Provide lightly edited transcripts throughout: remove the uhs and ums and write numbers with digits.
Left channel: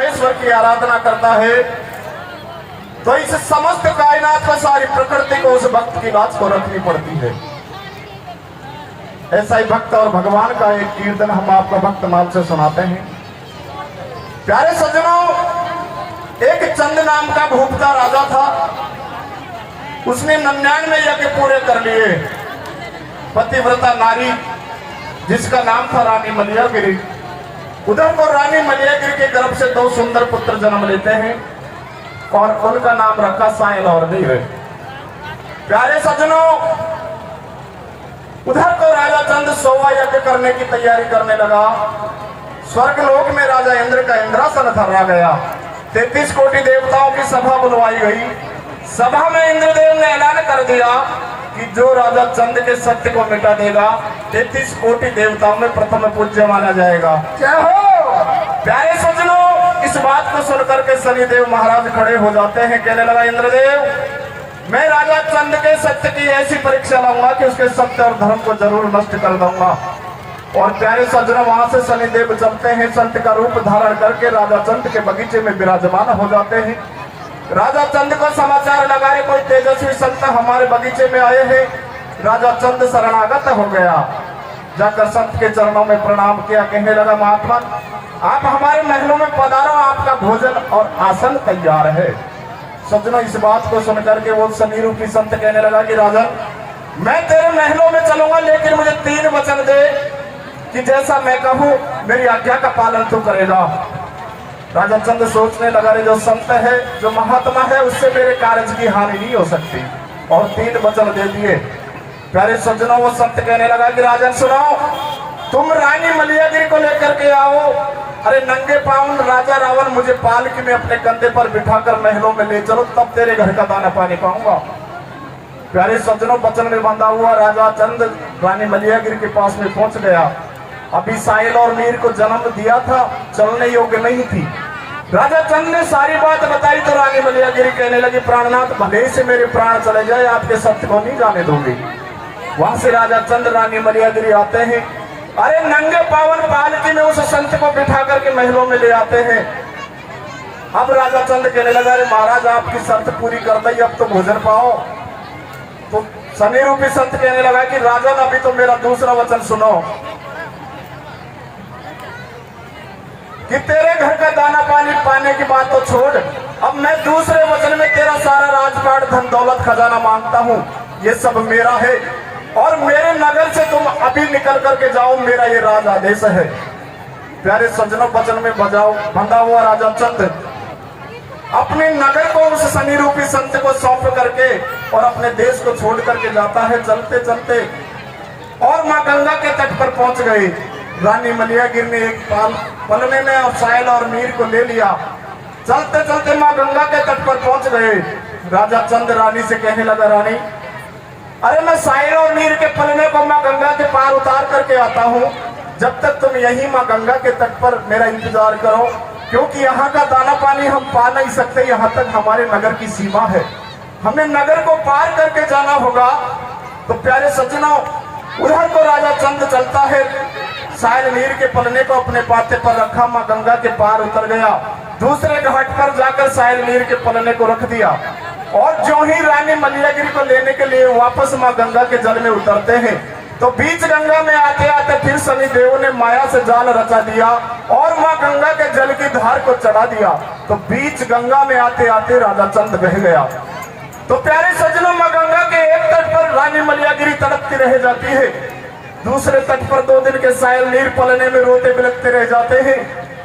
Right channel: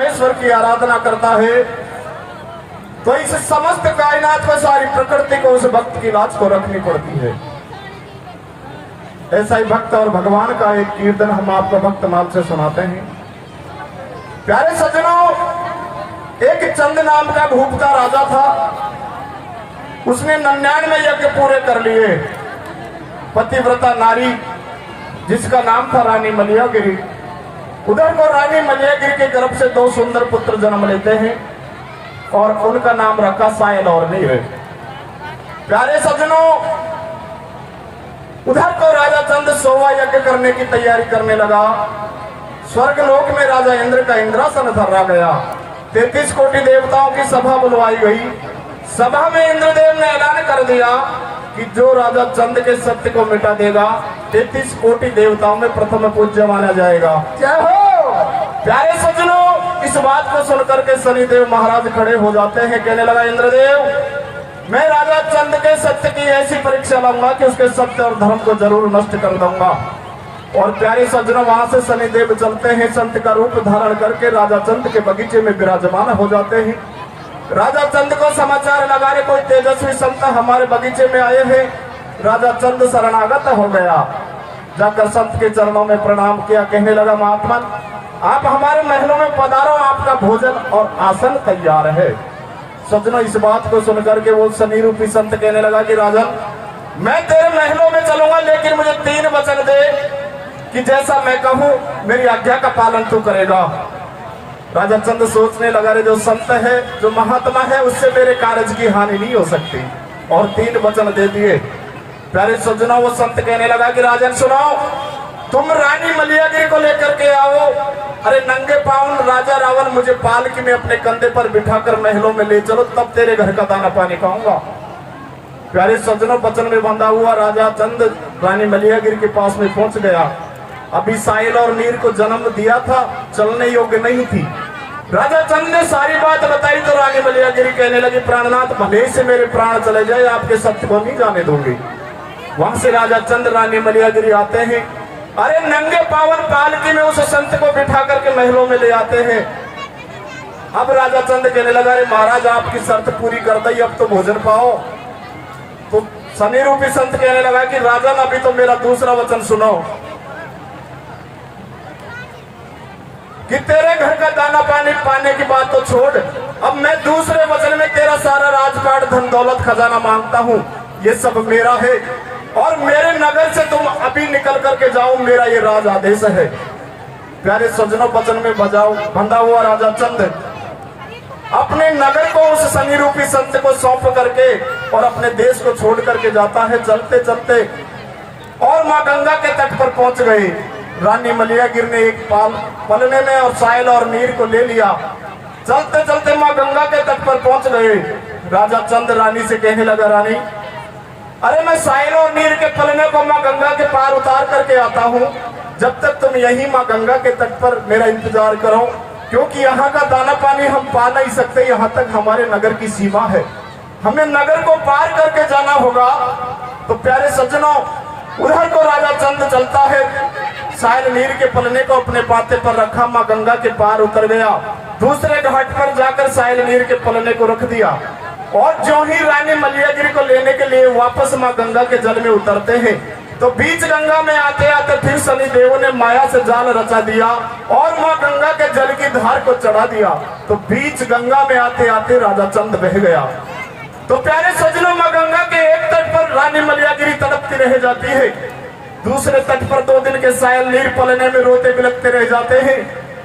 ईश्वर की आराधना करता है तो इस समस्त कायनात में सारी प्रकृति को उस भक्त की लाज को रखनी पड़ती है। ऐसा ही भक्त और भगवान का एक कीर्तन हम आपको भक्तमाल से सुनाते हैं। प्यारे सज्जनों, एक चंद नाम का भूप का राजा था। उसने 99 यज्ञ पूरे कर लिए। पतिव्रता नारी जिसका नाम था रानी मलयागिरी, उधर को रानी मलयागिरी के गर्भ से 2 सुंदर पुत्र जन्म लेते हैं और उनका नाम रखा सायल और नीर। प्यारे सज्जनों, उधर को राजा चंद 100वां यज्ञ करने की तैयारी करने लगा। स्वर्गलोक में राजा इंद्र का इंद्रासन धरा गया। 33 कोटि देवताओं की सभा बुलवाई गई। सभा में इंद्रदेव ने ऐलान कर दिया कि जो राजा चंद के सत्य को मिटा देगा 33 कोटि देवताओं में प्रथम पूज्य माना जाएगा। क्या हो प्यारे सज्जनों, इस बात को सुनकर के शनिदेव महाराज खड़े हो जाते हैं। कहने लगा, इंद्रदेव, मैं राजा चंद के सत्य की ऐसी परीक्षा लूंगा कि उसके सत्य और धर्म को जरूर नष्ट कर दूंगा। और प्यारे सज्जनों, वहां से शनिदेव चलते हैं, संत का रूप धारण करके राजा चंद के बगीचे में विराजमान हो जाते हैं। राजा चंद को समाचार लगा रहे कोई तेजस्वी संत हमारे बगीचे में आए हैं। राजा चंद शरणागत हो गया। जाकर संत के चरणों में प्रणाम किया। कहने लगा, महात्मा, आप हमारे महलों में पधारो, आपका भोजन और आसन तैयार है। सज्जनों, इस बात को सुनकर के वो शनि रूपी संत कहने लगा कि राजन, मैं तेरे महलों में चलूंगा, लेकिन मुझे 3 वचन दे कि जैसा मैं कहूं मेरी आज्ञा का पालन तू करेगा। राजा चंद सोचने लगा, रे जो संत है, जो महात्मा है, उससे मेरे कार्य की हानि नहीं हो सकती। और 3 वचन दे दिए। प्यारे सज्जनों, वो संत कहने लगा कि राजन सुनो, तुम रानी मलयागिरी को लेकर के आओ। अरे नंगे पाँव राजा रावण मुझे पालकी में अपने कंधे पर बिठाकर महलों में ले चलो, तब तेरे घर का दाना पानी खाऊंगा। प्यारे सज्जनों, वचन में बंधा हुआ राजा चंद रानी मलयागिरी के पास में पहुंच गया। अभी साहिल और नीर को जन्म दिया था, चलने योग्य नहीं थी। राजा चंद ने सारी बात बताई तो रानी मलयागिरी कहने लगी, प्राणनाथ, भले से मेरे प्राण चले जाए, आपके सत्य को नहीं जाने दूंगी। वहां से राजा चंद रानी मलयागिरी आते हैं। अरे नंगे पावन पालकी में उस संत को बिठा करके महलों में ले आते हैं। अब राजा चंद कहने लगा, अरे महाराज, आपकी शर्त पूरी कर दी, अब तो भोजन पाओ। तो शनि रूपी संत कहने लगा कि राजन, अभी तो मेरा दूसरा वचन सुनो कि तेरे घर का दाना पानी पाने की बात तो छोड़, अब मैं दूसरे वचन में तेरा सारा राजपाट धन दौलत खजाना मांगता हूँ। ये सब मेरा है और मेरे नगर से तुम अभी निकल करके जाओ, मेरा ये राज आदेश है। प्यारे सज्जनों, वचन में बंधा हुआ राजा चंद अपने नगर को उस शनि रूपी संत को सौंप करके और अपने देश को छोड़ करके जाता है। चलते चलते और माँ गंगा के तट पर पहुंच गए। रानी मलयागिरी ने एक पलने में और सायल और नीर को ले लिया। चलते चलते माँ गंगा के तट पर पहुंच गए। राजा चंद रानी से कहने लगा, रानी, अरे मैं सायल और नीर के पलने को माँ गंगा के पार उतार करके आता हूँ, जब तक तुम यही माँ गंगा के तट पर मेरा इंतजार करो, क्योंकि यहाँ का दाना पानी हम पा नहीं सकते। यहाँ तक हमारे नगर की सीमा है, हमें नगर को पार करके जाना होगा। तो प्यारे सज्जनों, उधर को राजा चंद चलता है। सायल नीर के पलने को अपने पाते पर रखा, माँ गंगा के पार उतर गया। दूसरे घाट पर जाकर सायल नीर के पलने को रख दिया और जो ही रानी मलयागिरी को लेने के लिए वापस माँ गंगा के जल में उतरते हैं तो बीच गंगा में आते आते फिर शनि देव ने माया से जाल रचा दिया और माँ गंगा के जल की धार को चढ़ा दिया। तो बीच गंगा में आते आते राजा चंद बह गया। तो प्यारे सज्जनों, माँ गंगा के एक तट पर रानी मलयागिरी तड़पती रह जाती है, दूसरे तट पर 2 दिन के सायल नीर पलने में रोते बिलखते रह जाते हैं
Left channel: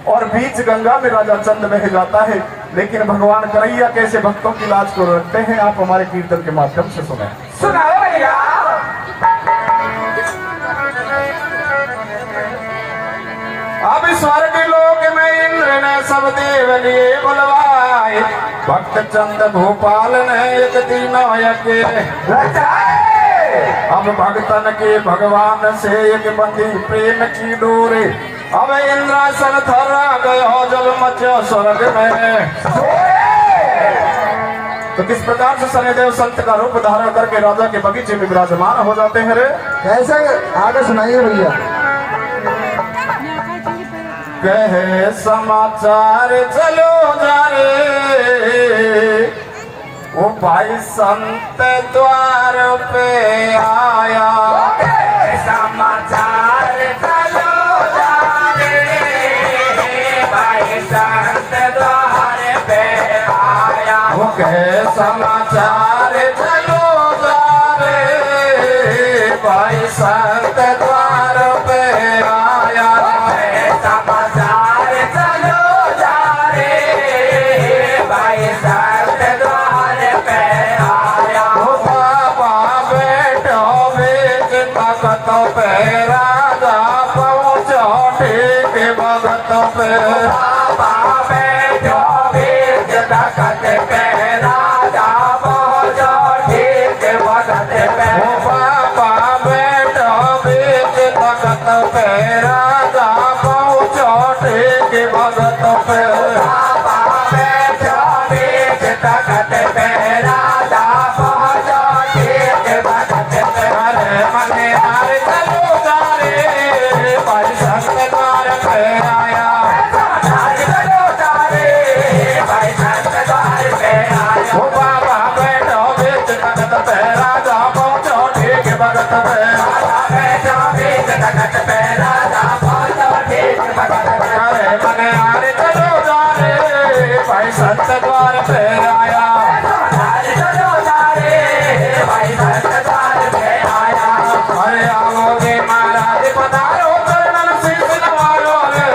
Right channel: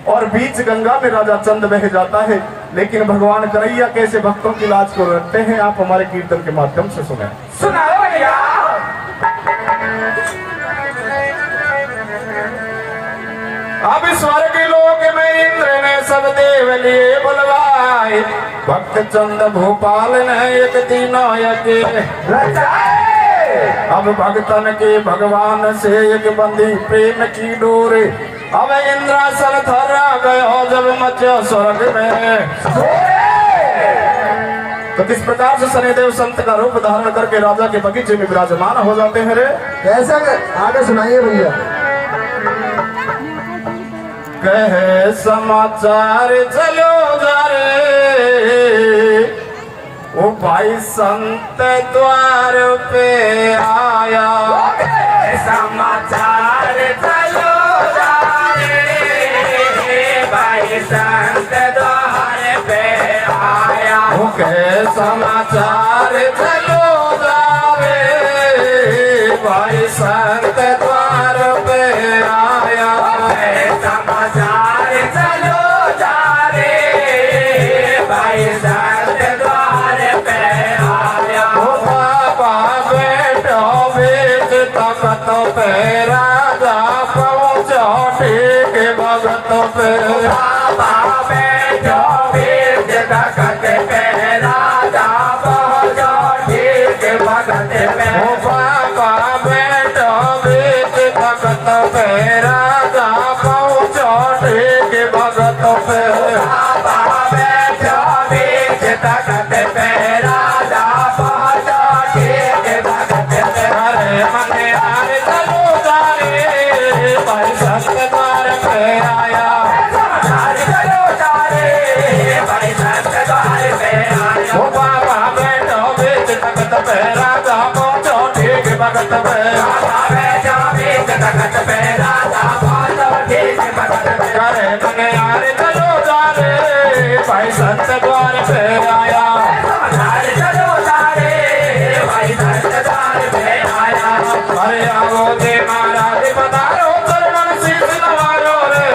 और बीच गंगा में राजा चंद बह जाता है। लेकिन भगवान कन्हैया कैसे भक्तों की लाज को रखते हैं, आप हमारे कीर्तन के माध्यम से सुनाओ भैया। अब स्वर्ग लोक में इंद्र ने सब देव लिए बुलवाए, भक्त चंद भोपाल ने एक तीनों यज्ञ अब भक्तन के भगवान से एक बंधी प्रेम की डोरे। अब इंद्रासन थर्रा गयो जब मचो स्वर्ग में। तो किस प्रकार से शनिदेव संत का रूप धारण करके राजा के बगीचे में विराजमान हो जाते हैं। रे कैसे, आगे सुनाइए भैया। कहे समाचार चलो जा रे, वो भाई संत द्वार पे आया। समाचार चलो जा रे, भाई संत द्वार पे आया। वो कहे समाचार चलो जा रे, भाई संत द्वार पे आया। समाचार चलो जा रे, भाई संत द्वार पे आया। वो बाबा बैठो बीच तख्त पे, राजा पहुंचो ठीक भगत पे। बाबा बैठो बीच तख्त पे, राजा पहुंचो ठीक भगत पे। वो बाबा बैठो बीच तख्त पे, राजा पहुंचो ठीक भगत पे। बाबा बैठो बीच तख्त पे, राजा पहुंचो ठीक भगत पे। अरे मने हार चलो जा रे, भाई संत द्वार पे आया। समाचार चलो जा रे, भाई संत द्वार पे आया। वो बाबा बैठो बीच तख्त पे, राजा पहुंचो ठीक भगत पे। बाबा बैठो बीच तख्त पे, राजा पहुंचो ठीक भगत पे। अरे मने हार चलो जा रे, भाई संत द्वार पे आया। समाचार चलो जा रे, भाई संत द्वार पे आया। अरे आओ जी महाराज पधारो, चरण शीश नवारो रे,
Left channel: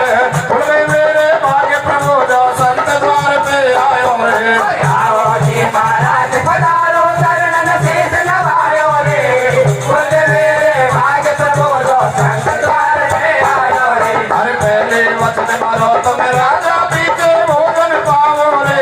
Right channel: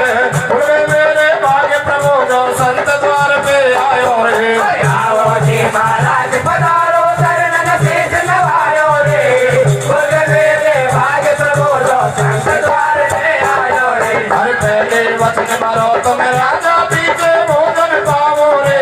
बोले मेरे भाग्य प्रभु जो संत द्वार पे आयो रे। आओ जी महाराज पधारो, चरणन शीश नवारो रे, बोले मेरे भाग्य प्रभु जो संत द्वार पे आयो रे। अरे पहले वचन मारो तुम राजा, पीछे भोजन पाओ रे,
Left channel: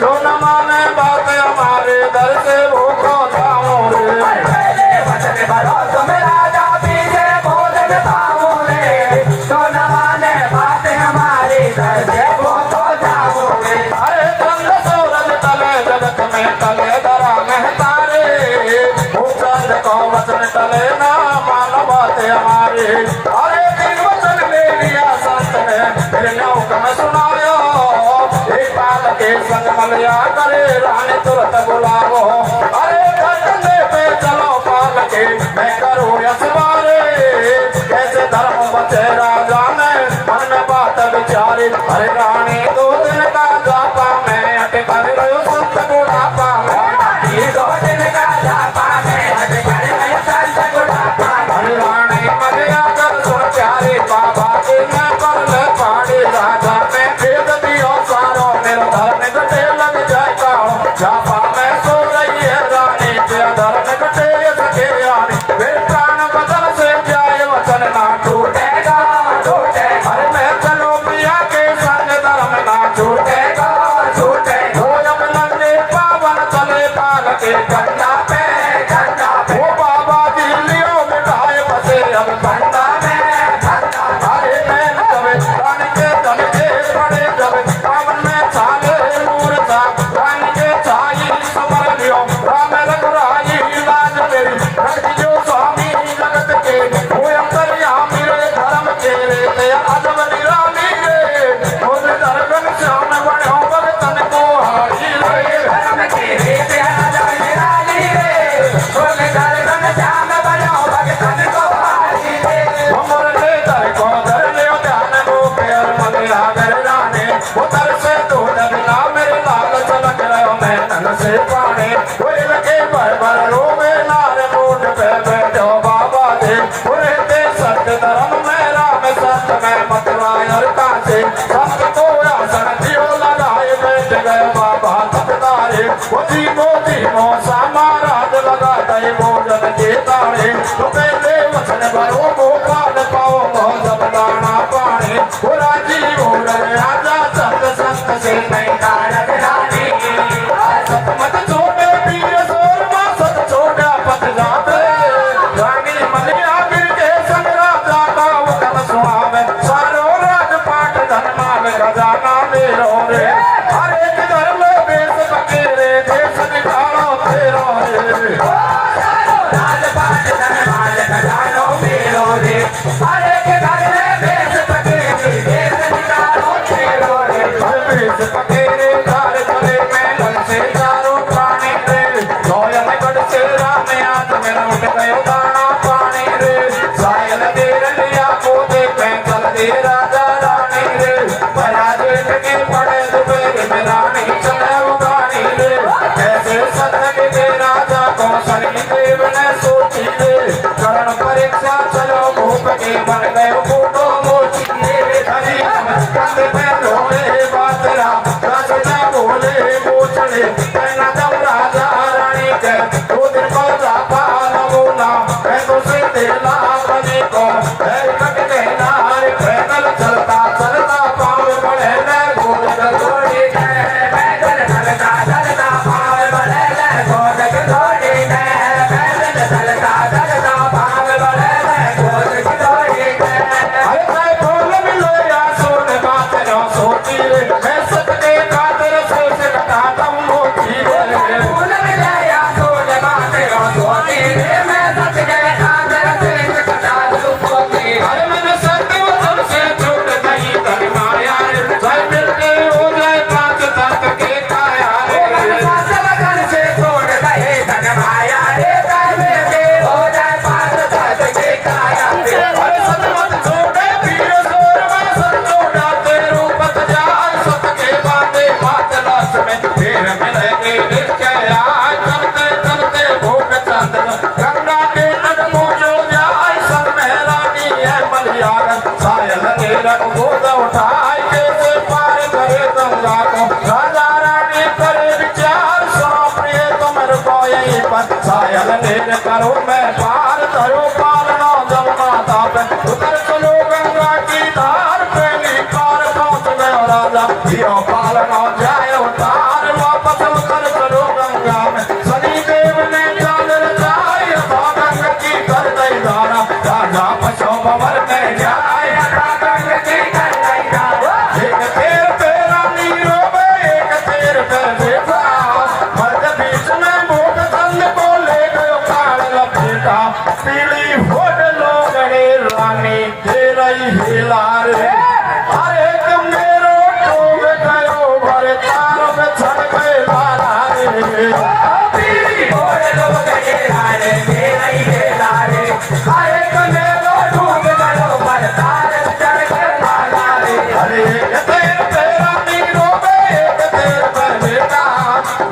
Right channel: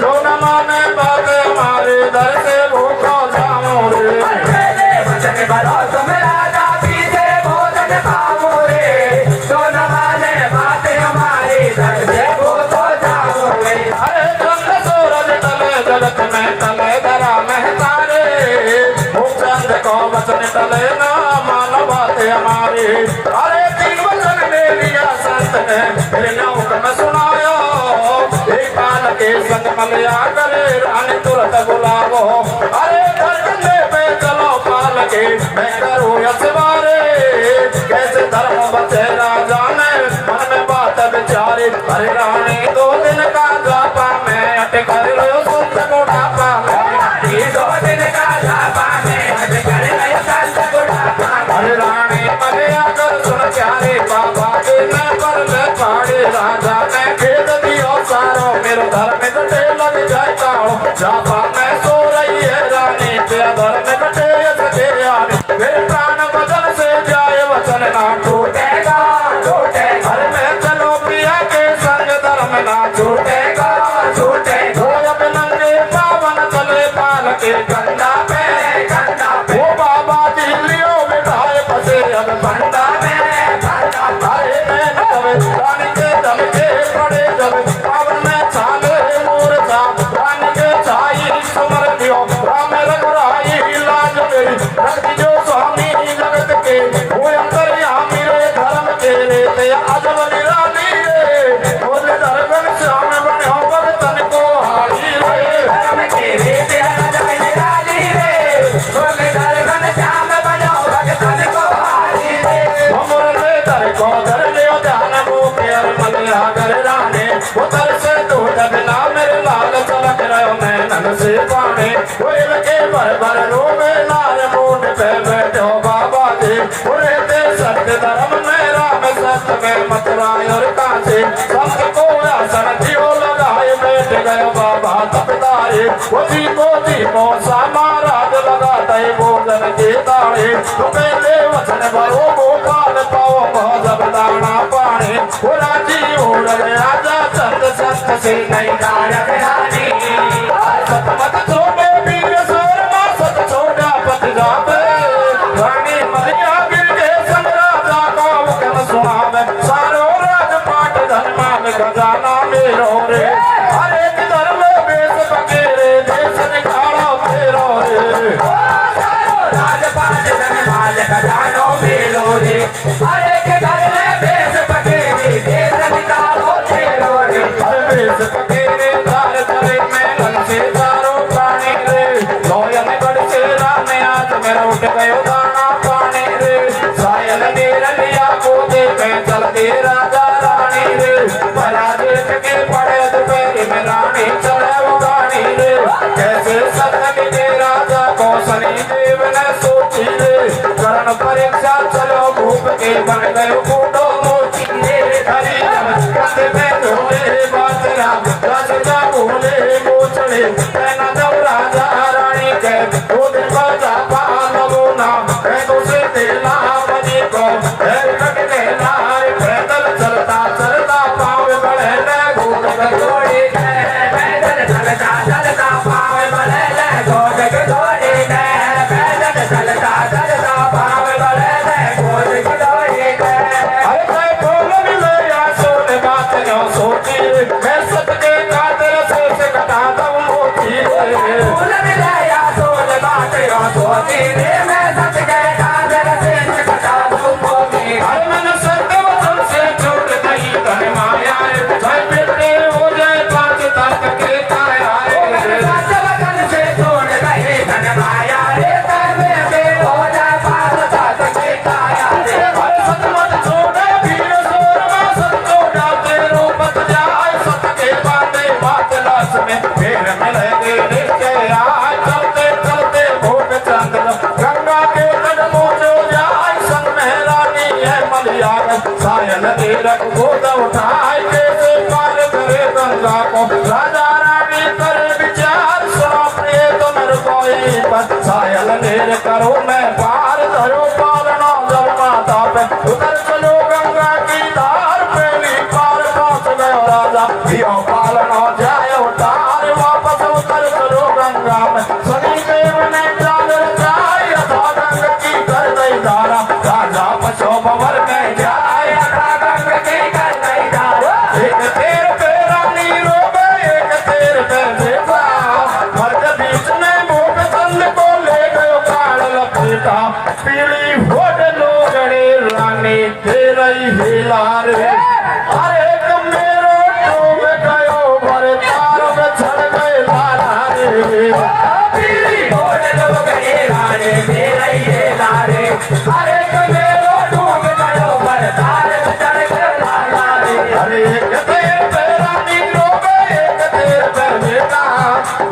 जो न माने बात हमारे दर से भूखो जाओ रे। पहले वचन भरो तुम राजा, पीछे भोजन पाओ रे, तो न माने बात हमारी, दर से भूखो जाओ रे। अरे चंद सूरज तले जगत में तले धरा में तारे, वो चांद को वचन तले ना मानो बात हमारी। अरे तीन वचन ले लिया संत ने, फिर नौका सुनायो, एक काल के संग मलिया करे रानी तुरंत बुलावो। अरे धरने पे चलो पाल के, मैं करूँ यशवारे, कैसे धर्म बचे राजा ने मन बात विचारी। अरे रानी 2 दिन का जापा में अटकर रहो संत बुढ़ापा में। ये 2 दिन का जापा में अटकर रहो संत बुढ़ापा में। अरे रानी मलिया कर सुचारी, बाबा के न कर पाड़ी। राजा ने भेद दियो सारो, मेरा धर्म कटे लग जाता हूँ। जापा में सो रही है रानी, तेरा धर्म कटे सके यानी। वे प्राण बदन से जाए वचन ना टूटेगा टूटेगा, अरे मैं चलो प्रिया के संग धर्म ना टूटेगा टूटेगा। हो जब नंगे पावन चले पाल के कंधा पे कंधा पे, वो बाबा दिल्लियों में ढाए बसे अब कंधा में कंधा पे। अरे मैं जब रानी के तन के बड़े जब पावन में छाले नूर था, रानी के छाई समर दियो राम रघुराई लाज मेरी। रख जो स्वामी जगत के, वो अंतर्यामी रे धर्म के रे, तेरा अजब निराली रे, बोल दर्शन श्याम बनो भगतन को हारी रे। धर्म के रे तेरा जय राजी रे, बोले दर्शन श्याम बनो भगतन को हारी रे। उम्र ले दर को घर ले ध्यान को प्यार मगे आगर राने, वो दर से तू दबला मेरे लाल चलक रहो मैं नन से पाने। कोयल के भर भर रोवे नार मूठ पे बैठो बाबा के, पूरे ते सत्य धर्म में राम सत्य में मतराय और कांसे। संत को आसन जियो लगाए बैठ गए बाबा तपतारे, वो जीवो समाराध लगा दई भोजन के ताड़े। तो पहले वचन भरो गोपाल पाओ मौजब दाना पानी, पूरा जीव उड़ गया जा संत संत से नहीं गायक रानी सतमत छोटे पीर सो राज पकेरे धार करे महलन से चारों प्राणी रे लोयनगढ़ से राम आज में उठ गयो दाना पानी रे सायल दे रलिया को दे चल दे राजा रानी रे बया देख के पड़े दोपहर में रानी चढ़े रानी रे कैसे सतन दे राजा को सनी देव ने सोची रे करण परीक्षा चलो भूप के बन गए फोटो मोची रे हरी कंधे पे रोले बातरा राजा बोले गोचड़े कहना दो राजा रानी के दो दिन पर रापा नबूना कह दो से देना बने को कट देना पैदल चलता चलता पाँव बढ़े घोड़ घोड़े पैदल चलता चलता पाँव बढ़े घोड़ घोड़े पैदल चलता चलता पाँव बढ़े घोड़ घोड़े अरे बोल मिले या सोच बात न सोची मैं सत्य खातिर से सकता हूँ मोती बोल मिले या सोच बात न सोची मैं सत्य खातिर से सकता हूँ मोती अरे मैंने सत्य वचन से छोड़ नहीं कर माया भाई मिलते हो जाए बात तक के काया सत्य वचन से छोड़ नहीं कर माया कर के हो जाए बात तक के काया अरे सत्य मत छोड़े पीड़ो सोरवा सत छोड़ा तेरे रूपत जाए सत्य के बांधे बात लाश में फिर मिलेंगे क्या आए चलते चलते भोग चांद गंगा के तट पहुंचो जाए सर मेहरानी है मलियार सायल दे रख गोद उठाए कैसे पार करे गंगा को राजा रानी करे विचार सुनो प्रिय तुम रुको यहीं पर सायल दे करो मैं पार करो पालना जब माता पर उतर चलो गंगा की धार पे पार पहुंच गयो राजा यो पालना जाए उतार वापस उतर चलो गंगा में सनी देव ने जान रचाई गंगा की कर गई धारा राजा पशु भंवर में जाए गंगा की कर गई धारा एक तेर पे रानी रोबे एक तेर पे बेटा मध्य बीच में भूप चंद बोले गयो काल लपेटा पीली होड लोगड़े रानी तेरा ही हिलार अरे तुम मेरो डूब गयो भरे तार में चढ़ गए लाला रे पीली होड लोगड़े रानी तेरा ही हिलार अरे तुम मेरो डूब गयो भरे तार में चढ़ गए लाला रे अरे एक तेर पे रानी रोबे एक तेर पे बेटा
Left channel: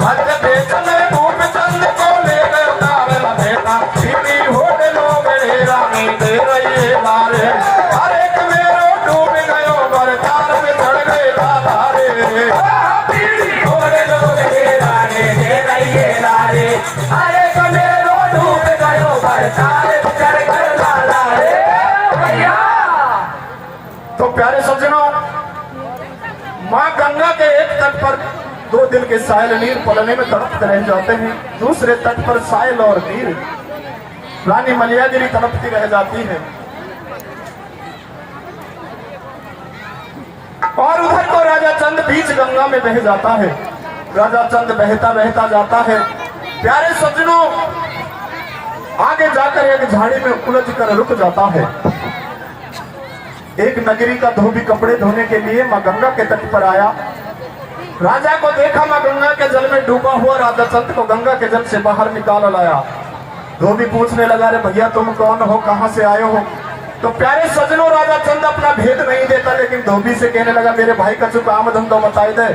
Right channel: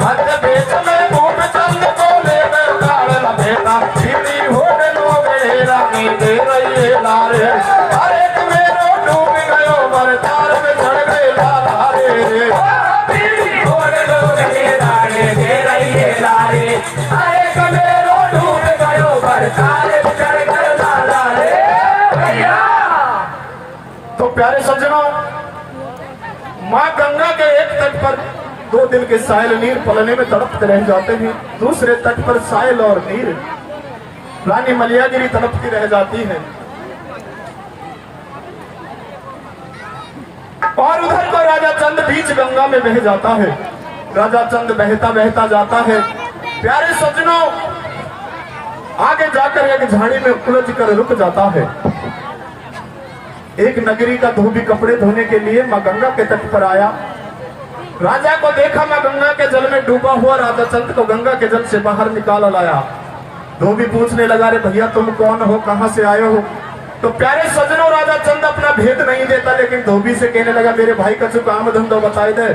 मध्य बीच में भूप चंद बोले गयो काल लपेटा पीली होड लोगड़े रानी तेरा ही हिलार अरे तुम मेरो डूब गयो भरे तार में चढ़ गए लाला रे पीली होड लोगड़े रानी तेरा ही हिलार अरे तुम मेरो डूब गयो भरे तार में चढ़ गए लाला रे भैया। तो प्यारे सज्जनों, माँ गंगा के एक तट पर 2 दिन के सायल नीर पलने में तड़पते रह जाते हैं, दूसरे तट पर सायल और नीर रानी मलियागिरी तड़पती रह जाती है और उधर को राजा चंद बीच गंगा में बह जाता है। राजा चंद बहता बहता जाता है। प्यारे सज्जनों, आगे जाकर एक झाड़ी में उलझ कर रुक जाता है। एक नगरी का धोबी कपड़े धोने के लिए मां गंगा के तट पर आया। राजा को देखा मां गंगा के जल में डूबा हुआ, राजा चंद को गंगा के जल से बाहर निकाल लाया। धोबी पूछने लगा, रे भैया तुम कौन हो, कहां से आए हो? तो प्यारे सज्जनों, राजा चंद अपना भेद नहीं देता, लेकिन धोबी से कहने लगा, मेरे भाई का जो काम धंधा बताई दे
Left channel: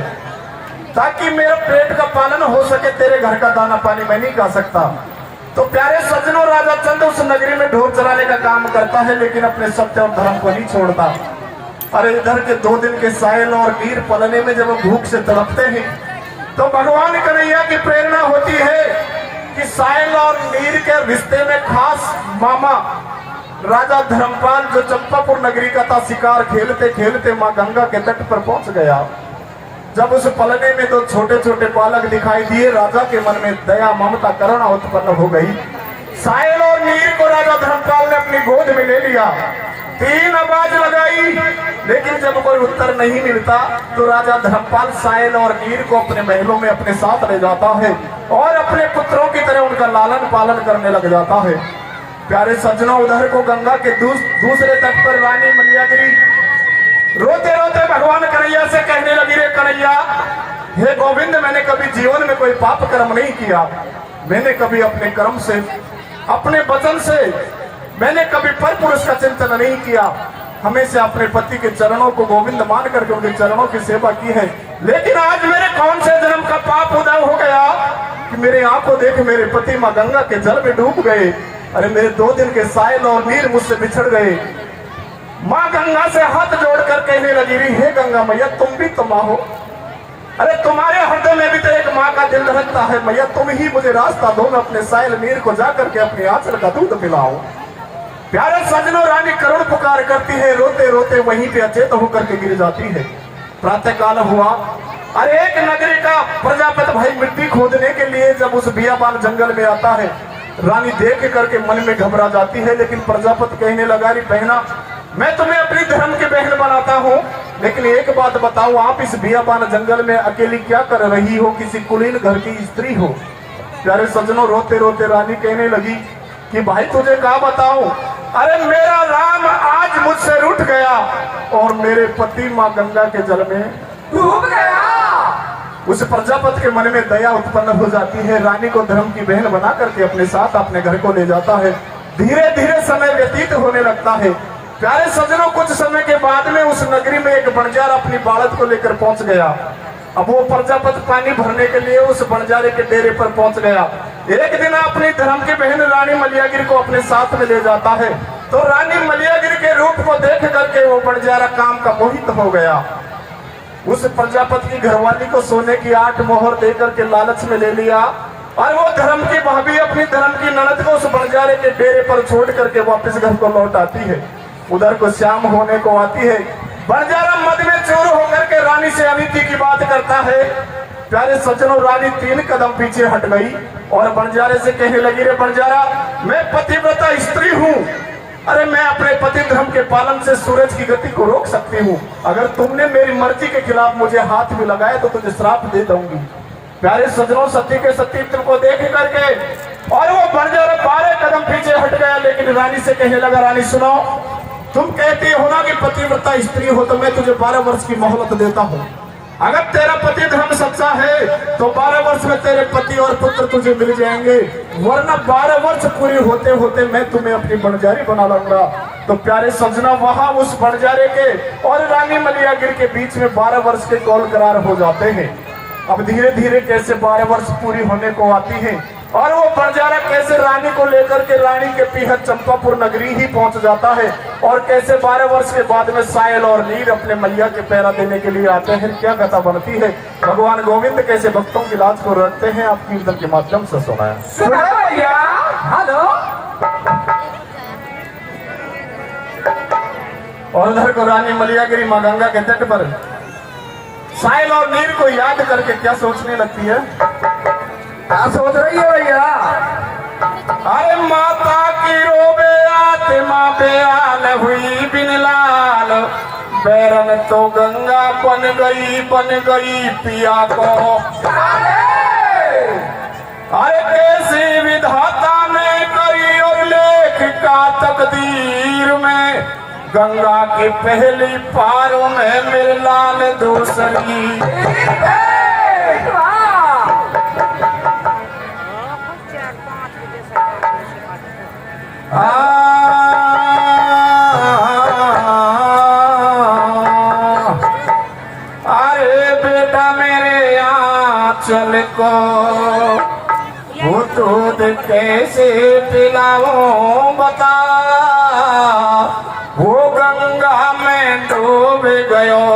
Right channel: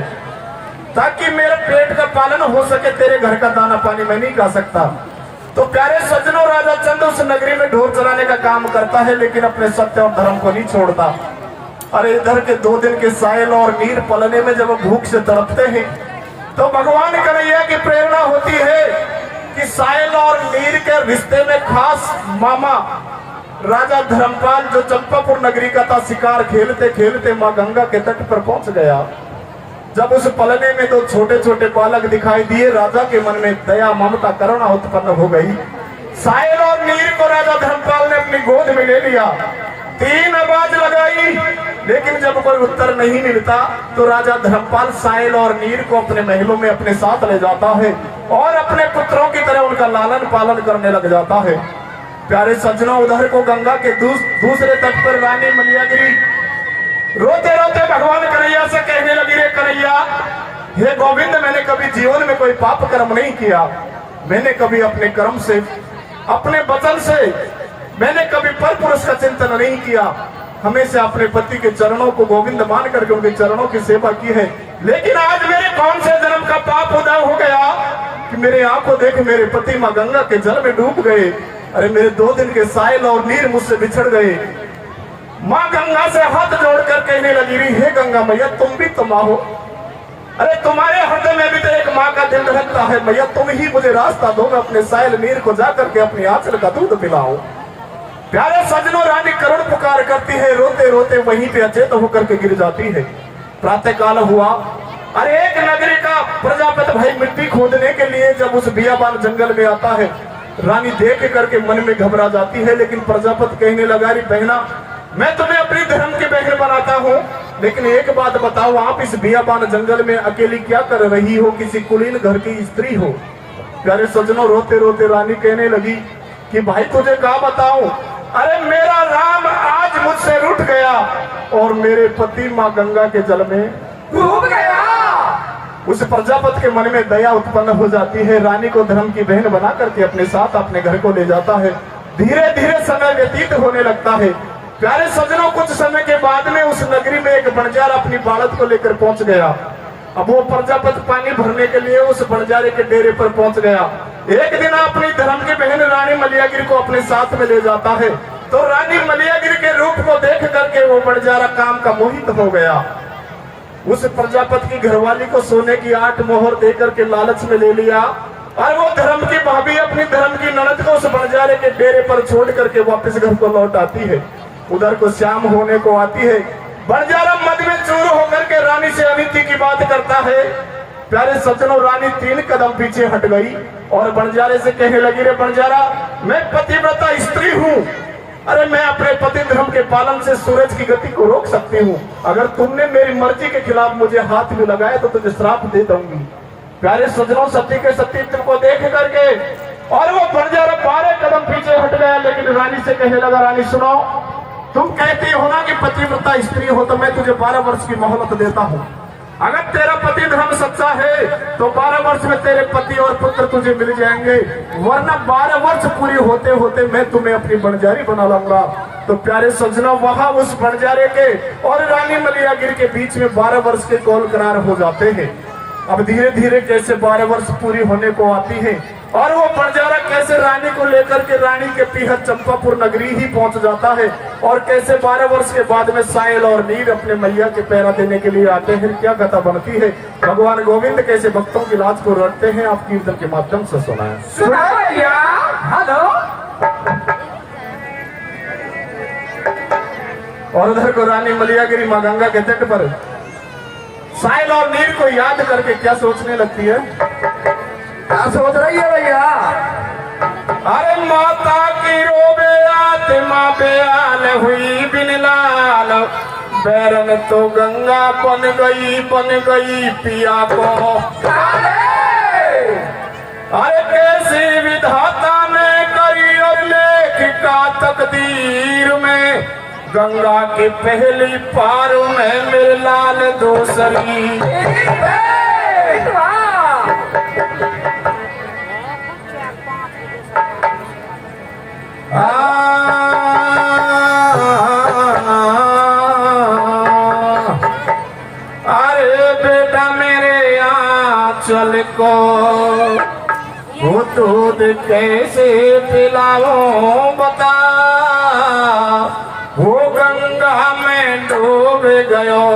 ताकि मेरे पेट का पालन हो सके, तेरे घर का दाना पानी मैं नहीं खा सकता। तो प्यारे सज्जनों, राजा चंद उस नगरी में ढोर चलाने का काम करता है, लेकिन अपने सत्य और धर्म को नहीं छोड़ता। अरे इधर के 2 दिन के सायल और नीर पलने में जब वो भूख से तड़पते हैं, तो भगवान कन्हैया की प्रेरणा होती है कि सायल और नीर के रिश्ते में खास मामा राजा धर्मपाल जो चंपापुर नगरी का था, शिकार खेलते खेलते मां गंगा के तट पर पहुंच गया। जब उस पलने में 2 छोटे छोटे बालक दिखाई दिए, राजा के मन में दया ममता करुणा उत्पन्न हो गई। सायल और नीर को राजा धर्मपाल ने अपनी गोद में ले लिया। 3 आवाज लगाई, लेकिन जब कोई उत्तर नहीं मिलता तो राजा धर्मपाल सायल और नीर को अपने महलों में अपने साथ ले जाता है और अपने पुत्रों की तरह उनका लालन पालन करने लग जाता है। प्यारे सज्जनों, उधर को गंगा के दूसरे तट पर रानी मलियागिरी रोते रोते भगवान कन्हैया से कहने लगी, रे कन्हैया, हे गोविंद, मैंने कभी जीवन में कोई पाप कर्म नहीं किया। मैंने कभी अपने कर्म से, अपने वचन से मैंने कभी पर पुरुष का चिंतन नहीं किया। हमेशा अपने पति के चरणों को गोविंद मान करके उनके चरणों की सेवा की है। लेकिन आज मेरे कौन से जन्म का पाप उदय हो गया कि मेरे आंखों देख मेरे पति माँ गंगा के जल में डूब गए। अरे मेरे 2 दिन के सायल और नीर मुझसे बिछड़ गए। माँ गंगा से हाथ जोड़कर कहने लगी, हे गंगा मैया, तुम भी तो माँ हो। अरे तुम्हारे हृदय में भी तो एक माँ का दिल धड़कता है। मैया, तुम ही मुझे रास्ता दो, मैं अपने सायल नीर को जाकर के अपने आंचल का दूध पिलाऊं। प्यारे सजनों, रानी करुण पुकार करती है, रोते रोते वहीं पे अचेत होकर के गिर जाती है। प्रातः काल हुआ। अरे एक नगरी का प्रजापति भाई मिट्टी खोदने के लिए जब उस बियाबान जंगल में आता है, रानी देख करके मन में घबरा जाती है। लेकिन प्रजापति कहने लगा, री बहना, मैं तुम्हें अपनी धर्म की बहन बनाता हूँ, लेकिन एक बात बताऊं, आप इस बियाबान जंगल में अकेली क्या कर रही हो? किसी कुलीन घर की स्त्री हो। प्यारे सजनों, रोते रोते रानी कहने लगी कि भाई तुझे क्या बताऊं, अरे मेरा राम आज मुझसे रूठ गया और मेरे पति माँ गंगा के जल में डूब गया। उस प्रजापति के मन में दया उत्पन्न हो जाती है। रानी को धर्म की बहन बना करके अपने साथ अपने घर को ले जाता है। धीरे धीरे समय व्यतीत होने लगता है। प्यारे सजनों, कुछ समय के बाद में उस नगरी में एक बंजार अपनी बालक को लेकर पहुंच गया। अब वो प्रजापति पानी भरने के लिए उस बंजारे के डेरे पर पहुंच गया। एक दिन अपनी धर्म की बहन रानी मलियागिरी को अपने साथ में ले जाता है, तो रानी मलियागिरी के रूप को देख करके वो बंजारा काम का मोहित हो गया। उस प्रजापति की घरवाली को सोने की 8 मोहर देकर के लालच में ले लिया और वो धर्म की भाभी अपनी धर्म की ननद को उस बंजारे के डेरे पर छोड़ करके वापस घर को लौट आती है। उधर को शाम होने को आती है। बंजारा मद में चूर होकर के रानी से अनिति की बात करता है। प्यारे सज्जनों, रानी 3 कदम पीछे हट गई और बंजारे से कहने लगी, रे बंजारा, मैं पतिव्रता स्त्री हूँ। अरे मैं अपने पति धर्म के पालन से सूरज की गति को रोक सकती हूँ। अगर तुमने मेरी मर्जी के खिलाफ मुझे हाथ भी लगाया तो तुझे श्राप दे दूंगी। प्यारे सज्जनों, सत्य के सत्य को देख करके और वो बंजारा 12 कदम पीछे हट गया। लेकिन रानी से कहने लगा, रानी सुनो, तुम कहती हो ना कि पतिव्रता स्त्री हो, तो मैं तुझे 12 वर्ष की मोहलत देता हूँ। अगर तेरा पति धर्म सच्चा है तो 12 वर्ष में तेरे पति और पुत्र तुझे मिल जाएंगे, वरना 12 वर्ष पूरी होते होते मैं तुम्हें अपनी बंजारी बना लूंगा। तो प्यारे सज्जनों, वहां उस बंजारे के और रानी मलियागिरी के बीच में 12 वर्ष के कौल करार हो जाते हैं। अब धीरे धीरे कैसे 12 वर्ष पूरी होने को आती है और वो बंजारा कैसे रानी को लेकर के रानी के पीहर चंपापुर नगरी ही पहुंच जाता है और कैसे 12 वर्ष के बाद में सायल और नीर अपने मैया के पैरा देने के लिए आते हैं। क्या कथा बनती है। भगवान गोविंद कैसे भक्तों की लाज को रखते हैं, आप कीर्तन के माध्यम से सुनाएं। हेलो। और उधर को रानी मलियागिरी माँ गंगा के तट पर सायल और नीर को याद करके क्या सोचने लगती है? क्या सोच रही है भैया? अरे माता की रोबे आत्मा बेआल हुई बिन लाल, बैरन तो गंगा बन गई पिया को। अरे कैसी विधाता ने करी और लेखिका तकदीर में, गंगा की पहली पार में मेरे लाल दूसरी। अरे बेटा मेरे आंचल को वो दूध कैसे पिलाऊं बता, वो गंगा में डूब गयो,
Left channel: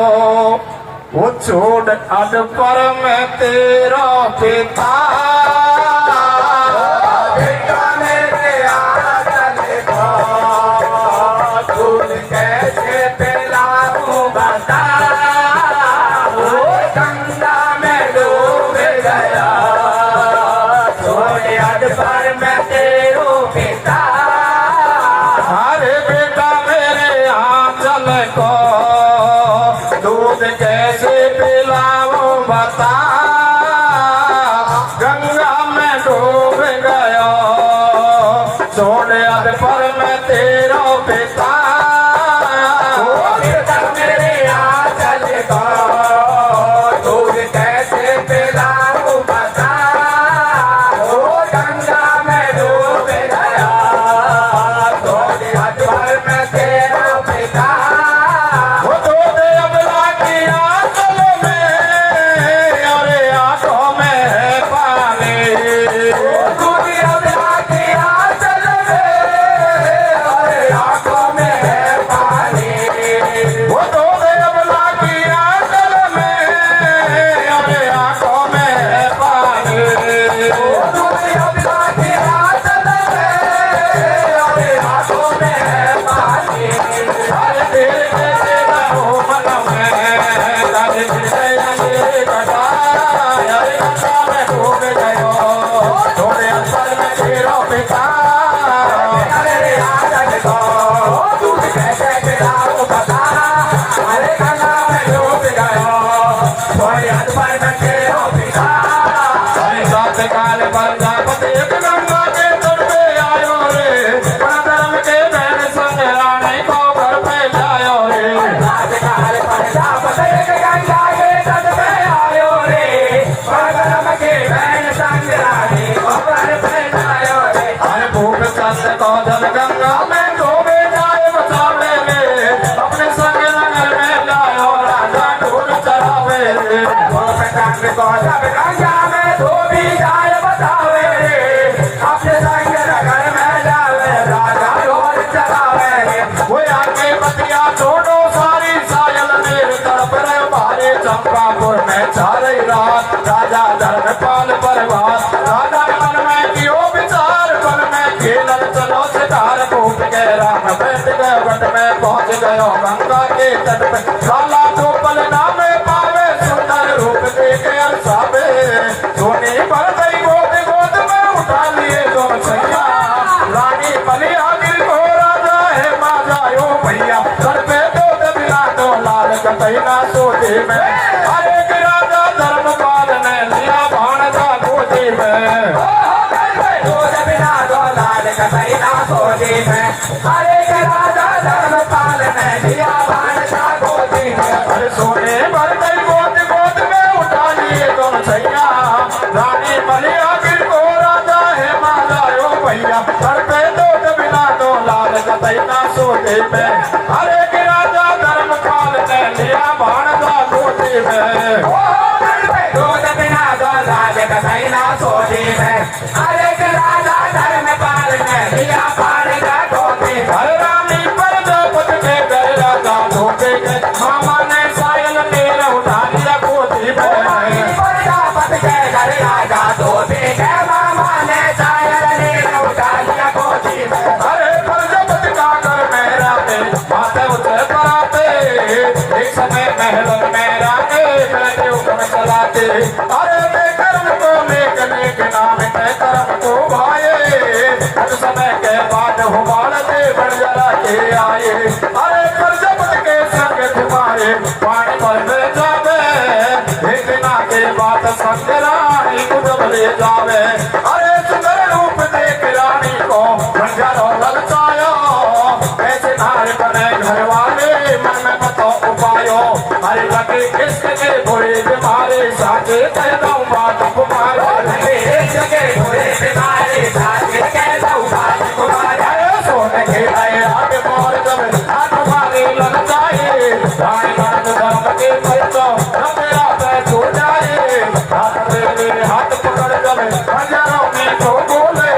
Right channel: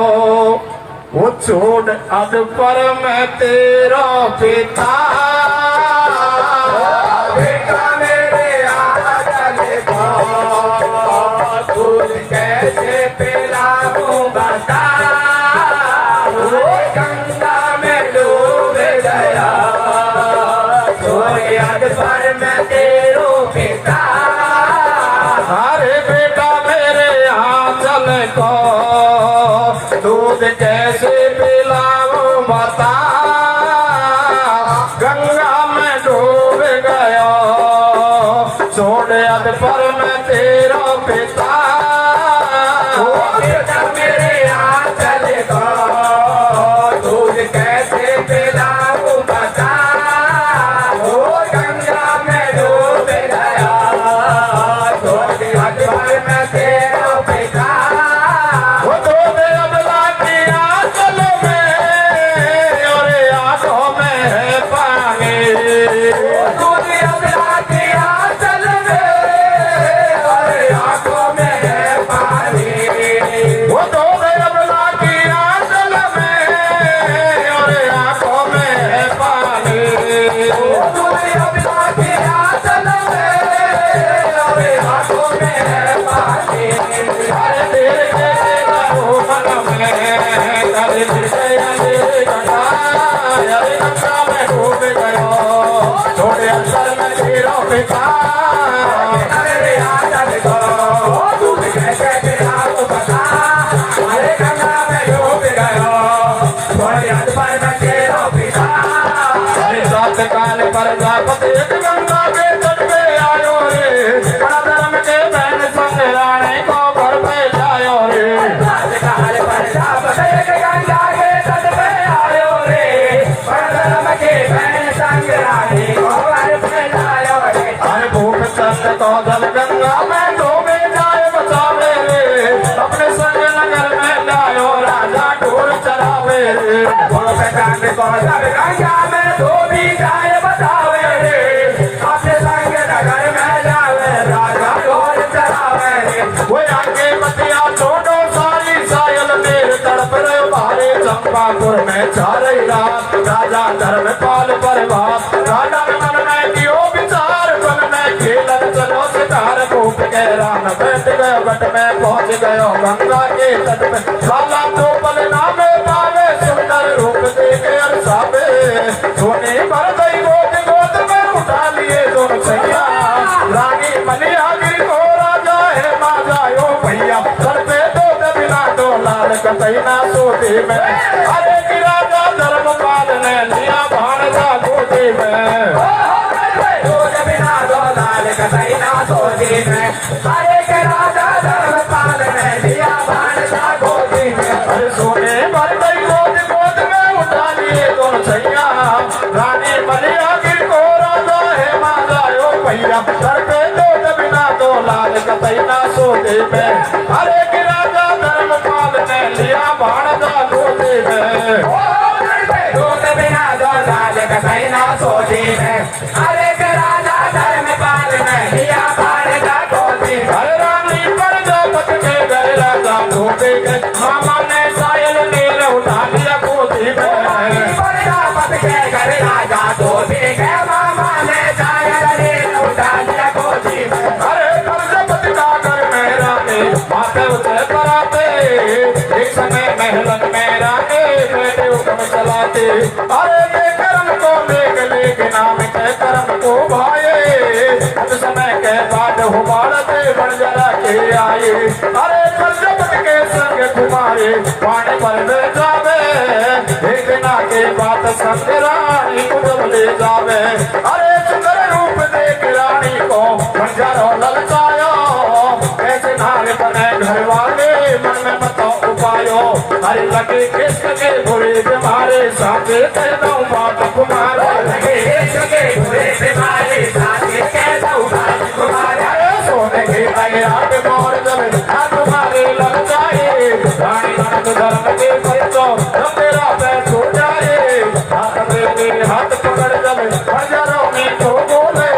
वो छोड़ अद पर मैं तेरा पिता। बेटा मेरे आंचल को दूध कैसे पिलाऊं बता, वो गंगा में डूब गया, छोड़ अद पर मैं तेरो पिता। अरे बेटा मेरे आंचल को दूध कैसे पिलाऊं बता, गंगा में डूब गयो, छोड़ अब पर मैं तेरो पिता। बेटा मेरे अरे गंगा में डूब गयो छोड़े अंतर में तेरो पिता अरे आजन को दूध कैसे पिलाऊं बता अरे गंगा में डूब गयो छोड़े अंतर में तेरो पिता अरे सात काल पर जापत एक गंगा के तट पे आयो रे अपना धर्म के बहन संग रानी को घर पे जायो रे राजकाल पर जापत एक गंगा के तट पे आयो रे परधर्म के बहन संग रानी को घर पे जायो रे अरे भूख चंद को जल गंगा में डूबे जाए बचावे रे अपने संग नगर में जायो राजा ढोल चरावे रे भूख चंद को जल गंगा में डूबी जाए बचावे रे अपने संग नगर में जावे राजा ढोल चरावे रे वो आगे बतिया छोड़ो सारी सायल मेरे तड़प रहे भारे चंपापुर में चारे रात राजा धर्मपाल परिवार राजा मन में कियो विचार मन में खेलन चलो सितार कूप के राम बैठ गए बट में पहुंच गयो गंगा के तट पे काला तो पल नामे पावे सुंदर रूप देखे अरसावे सोने पर गई गोद में उठा लिए दोनों सैया रानी बलिया गिर को राजा है माजा यो भैया करते दो दबिना दो लाल कतैना सोते में अरे कि राजा धर्मपाल ने लिया भाणजा गोदी में दूध बिना दो लाल कतैना सोती में हरे के राजा धर्मपाल ने दिया भाणजा गोदी में अरे सोने भर गई गोद में उठा लिए दोनों सैया रानी बलिया गिर को राजा है माजा यो भैया करते दो दबिना दो लाल कतैना सोते में अरे कि राजा धर्मपाल ने लिया भाणजा गोदी में दूध बिना दो लाल कतैना सोती में हरे के राजा धर्मपाल ने दिया भाणजा गोदी में हरे रानी पर जपत में गए राजा धोते के मामा ने सायल नीर उठा लिया गोदी में प्रजापत के घर राजा धोती के मामा ने सायल नीर उठा लिया गोदी में अरे प्रजापत का घर में रहते माथे उसे कराते एक समय महलन में रहते बैठे हुक्म चलाते अरे बेकरम को लेके नाम के करम को भाए कुछ समय के बाद हुबाड़ते बन जरा के आए अरे प्रजापत के संग घुमाए पानी पर ले जावे एक दिना के बाद संग रानी को ले जावे अरे सुंदर रूप देख रानी को बंजर और ललचायो ऐसे नारे बने घर वाले मन में मत उपायो अरे लगे किसके बुरे बीमारे साथे कह दऊं बात तुम्हारे जगे बुरे बीमारी साथी कह दऊं बात तुम्हारे सोने के आए हाथ मोर जब हाथ तुम्हारे ललचाए रानी मर्द धर्म के परिचो मेरा पैर छूट जाए हाथ तेरे हाथ पकड़ जब हजारों में खो बोले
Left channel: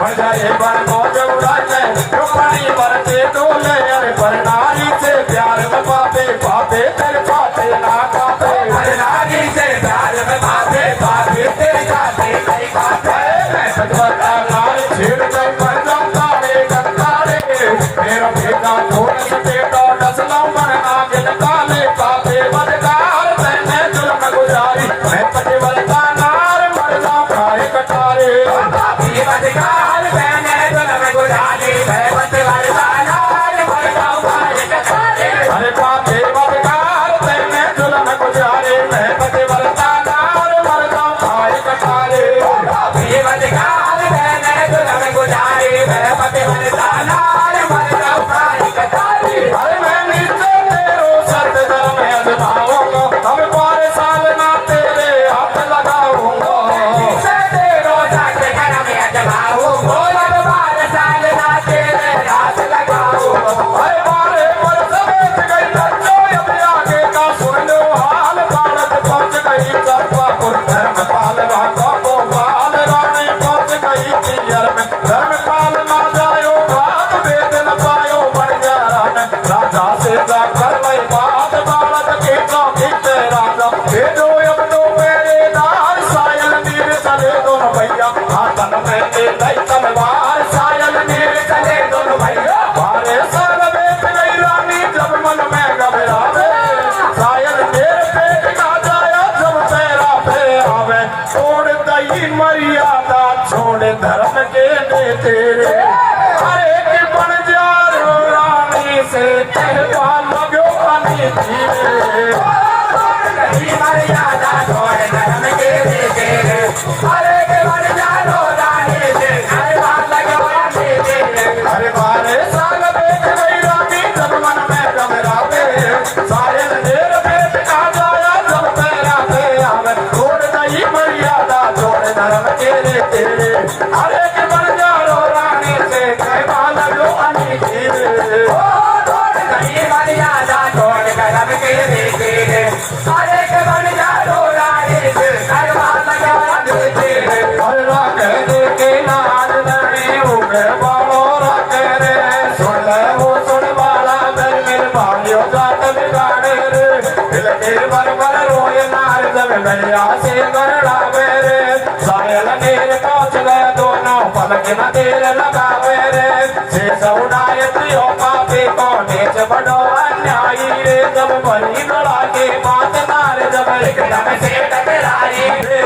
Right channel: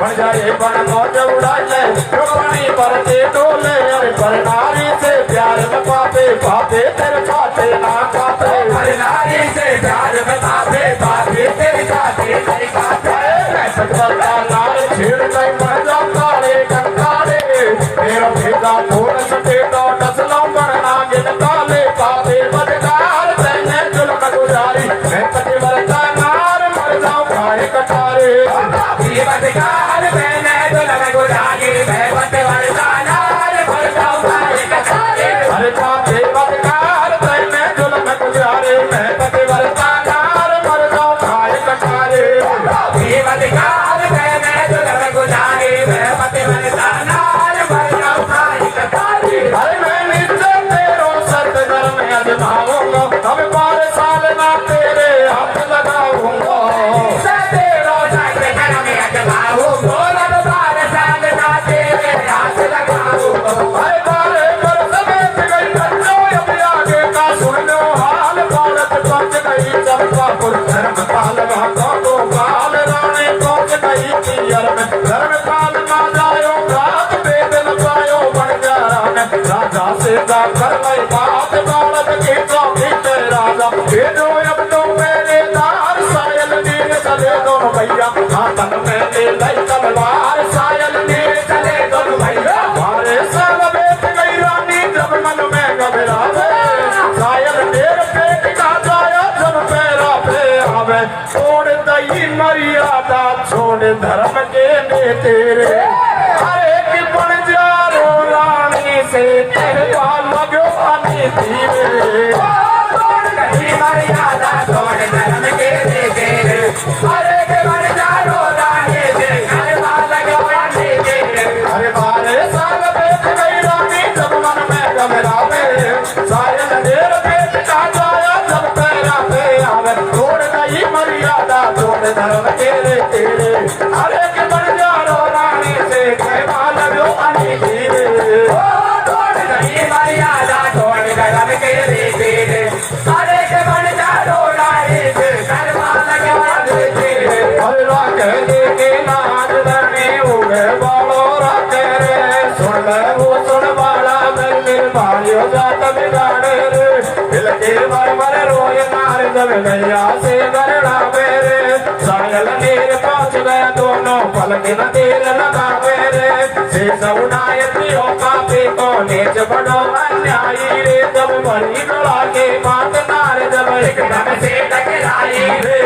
बजाए बड़ मौज उड़ाए पानी पर ते डोले पर नारी से प्यार में पापे पापे तेरे पापे ना पापे हर नारी से प्यार में पापे पापे तेरे जाते नहीं पापे मैं सजवता नारी छेड़ गई मर जाऊं काले कंकाले मेरा भेदा छोड़ सके तो डसलाऊं मरना गिन काले पापे मजदार तैने जुल्म गुजारी मैं पतिव्रता नार मर जाऊं खाए कटारे जीवनकाल मैंने जुल्म गुजारी मैं पतिव्रता नार मर जाऊं भाई कचारे अरे पापे मजदार तैने जुल्म गुजारी मैं पतिव्रता छोड़ दई मर्यादा छोड़ धर्म के ने तेरे अरे कि बन जा रो रानी से कहवा लगो आनी धीरे दही मर्यादा छोड़ धर्म के ने तेरे अरे के बन जा रो रानी से कहवा लगो आनी धीरे अरे बारे साल देख गई रानी जब मन में घबरावे सारे अंधेर पेट का जाया जब तेरा पे हम छोड़ दई मर्यादा छोड़ धर्म तेरे तेरे अरे के बन जा रो रानी से कहवा लगो आनी धीरे दही मर्यादा छोड़ धर्म के ने तेरे अरे के बन जा रो रानी से कहवा लगो आनी धीरे अरे राख दे के लाज लड़ी उगे बालो राख रे सुन ले वो सुन वाला मेरे भाइयों जात बिगाड़े रे दिल के मर मर रोए नार जब गैया से गरड़ा मेरे सायल नीर पहुंच गए दोनों पलक न देर लगा मेरे से सउनाए प्रियो पापी को नीच बनो अन्यायी रे जब बड़ी गला के बात नार जब एकदम से टकराई रे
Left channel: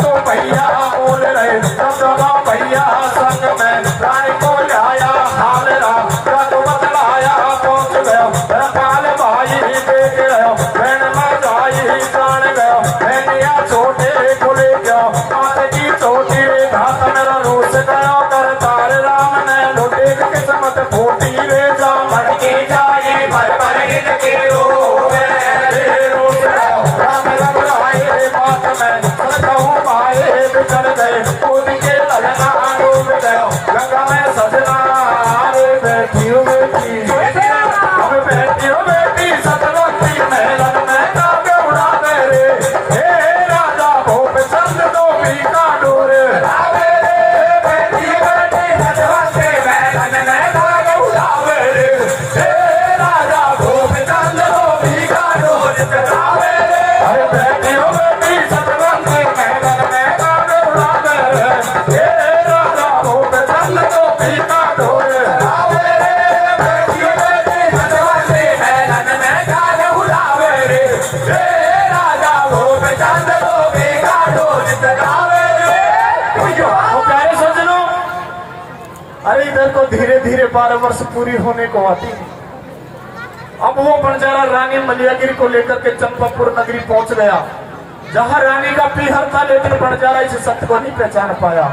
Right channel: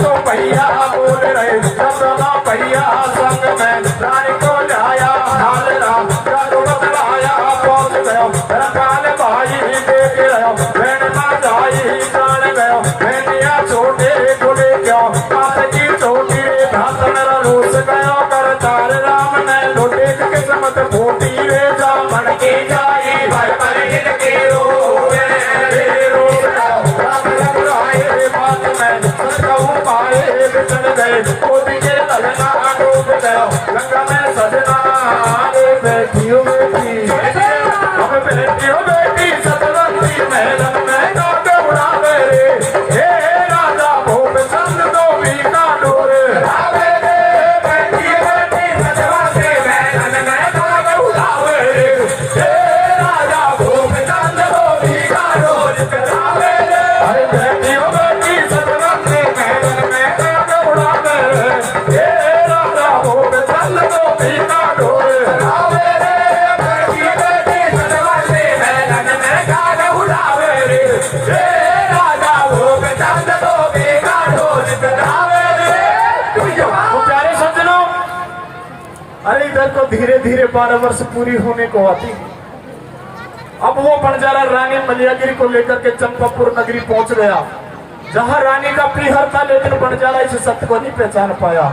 तो भैया बोल रहे तो भैया संग में राय को लाया हाल रहा तो बतलाया पहुंच गया मेरा काल भाई देख गया मैंने ना जाई जान गया मैंने छोटे को ले गया माता की छोटी हाथ मेरा रोस गया पर तार राम ने लोटे के किस्मत फूटी रे जा मर के जाई भर भर हिल के रोवे रे रोवे राम रघुराए बात में सतहु पाए बिछड़ गए कूद के लगना डूब गया गंगा में सजना रे बेटी बेटी सतवंती महलन में काबे उड़ा दे रे हे राजा भूप चंद दो भी का डोरे बेटी बेटी सतवंती महलन में काबे उड़ावे रे हे राजा भूप चंद दो भी का डोरे चढ़ावे रे अरे बेटी सतवंती महलन में काबे उड़ा दे रे हे राजा भूप चंद दो भी का डोरे चढ़ावे रे बेटी सतवंती महलन में काबे उड़ावे रे हे राजा भूप चंद दो भी का डोरे चढ़ावे रे तो प्यारे सज्जनों अरे इधर को धीरे धीरे 12 वर्ष पूरी होने को आती अब वो बंजारा रानी मलियागिरी को लेकर के चंपापुर नगरी पहुंच गया जहां रानी का पीहर था लेकिन बंजारा इस सत्य को नहीं पहचान पाया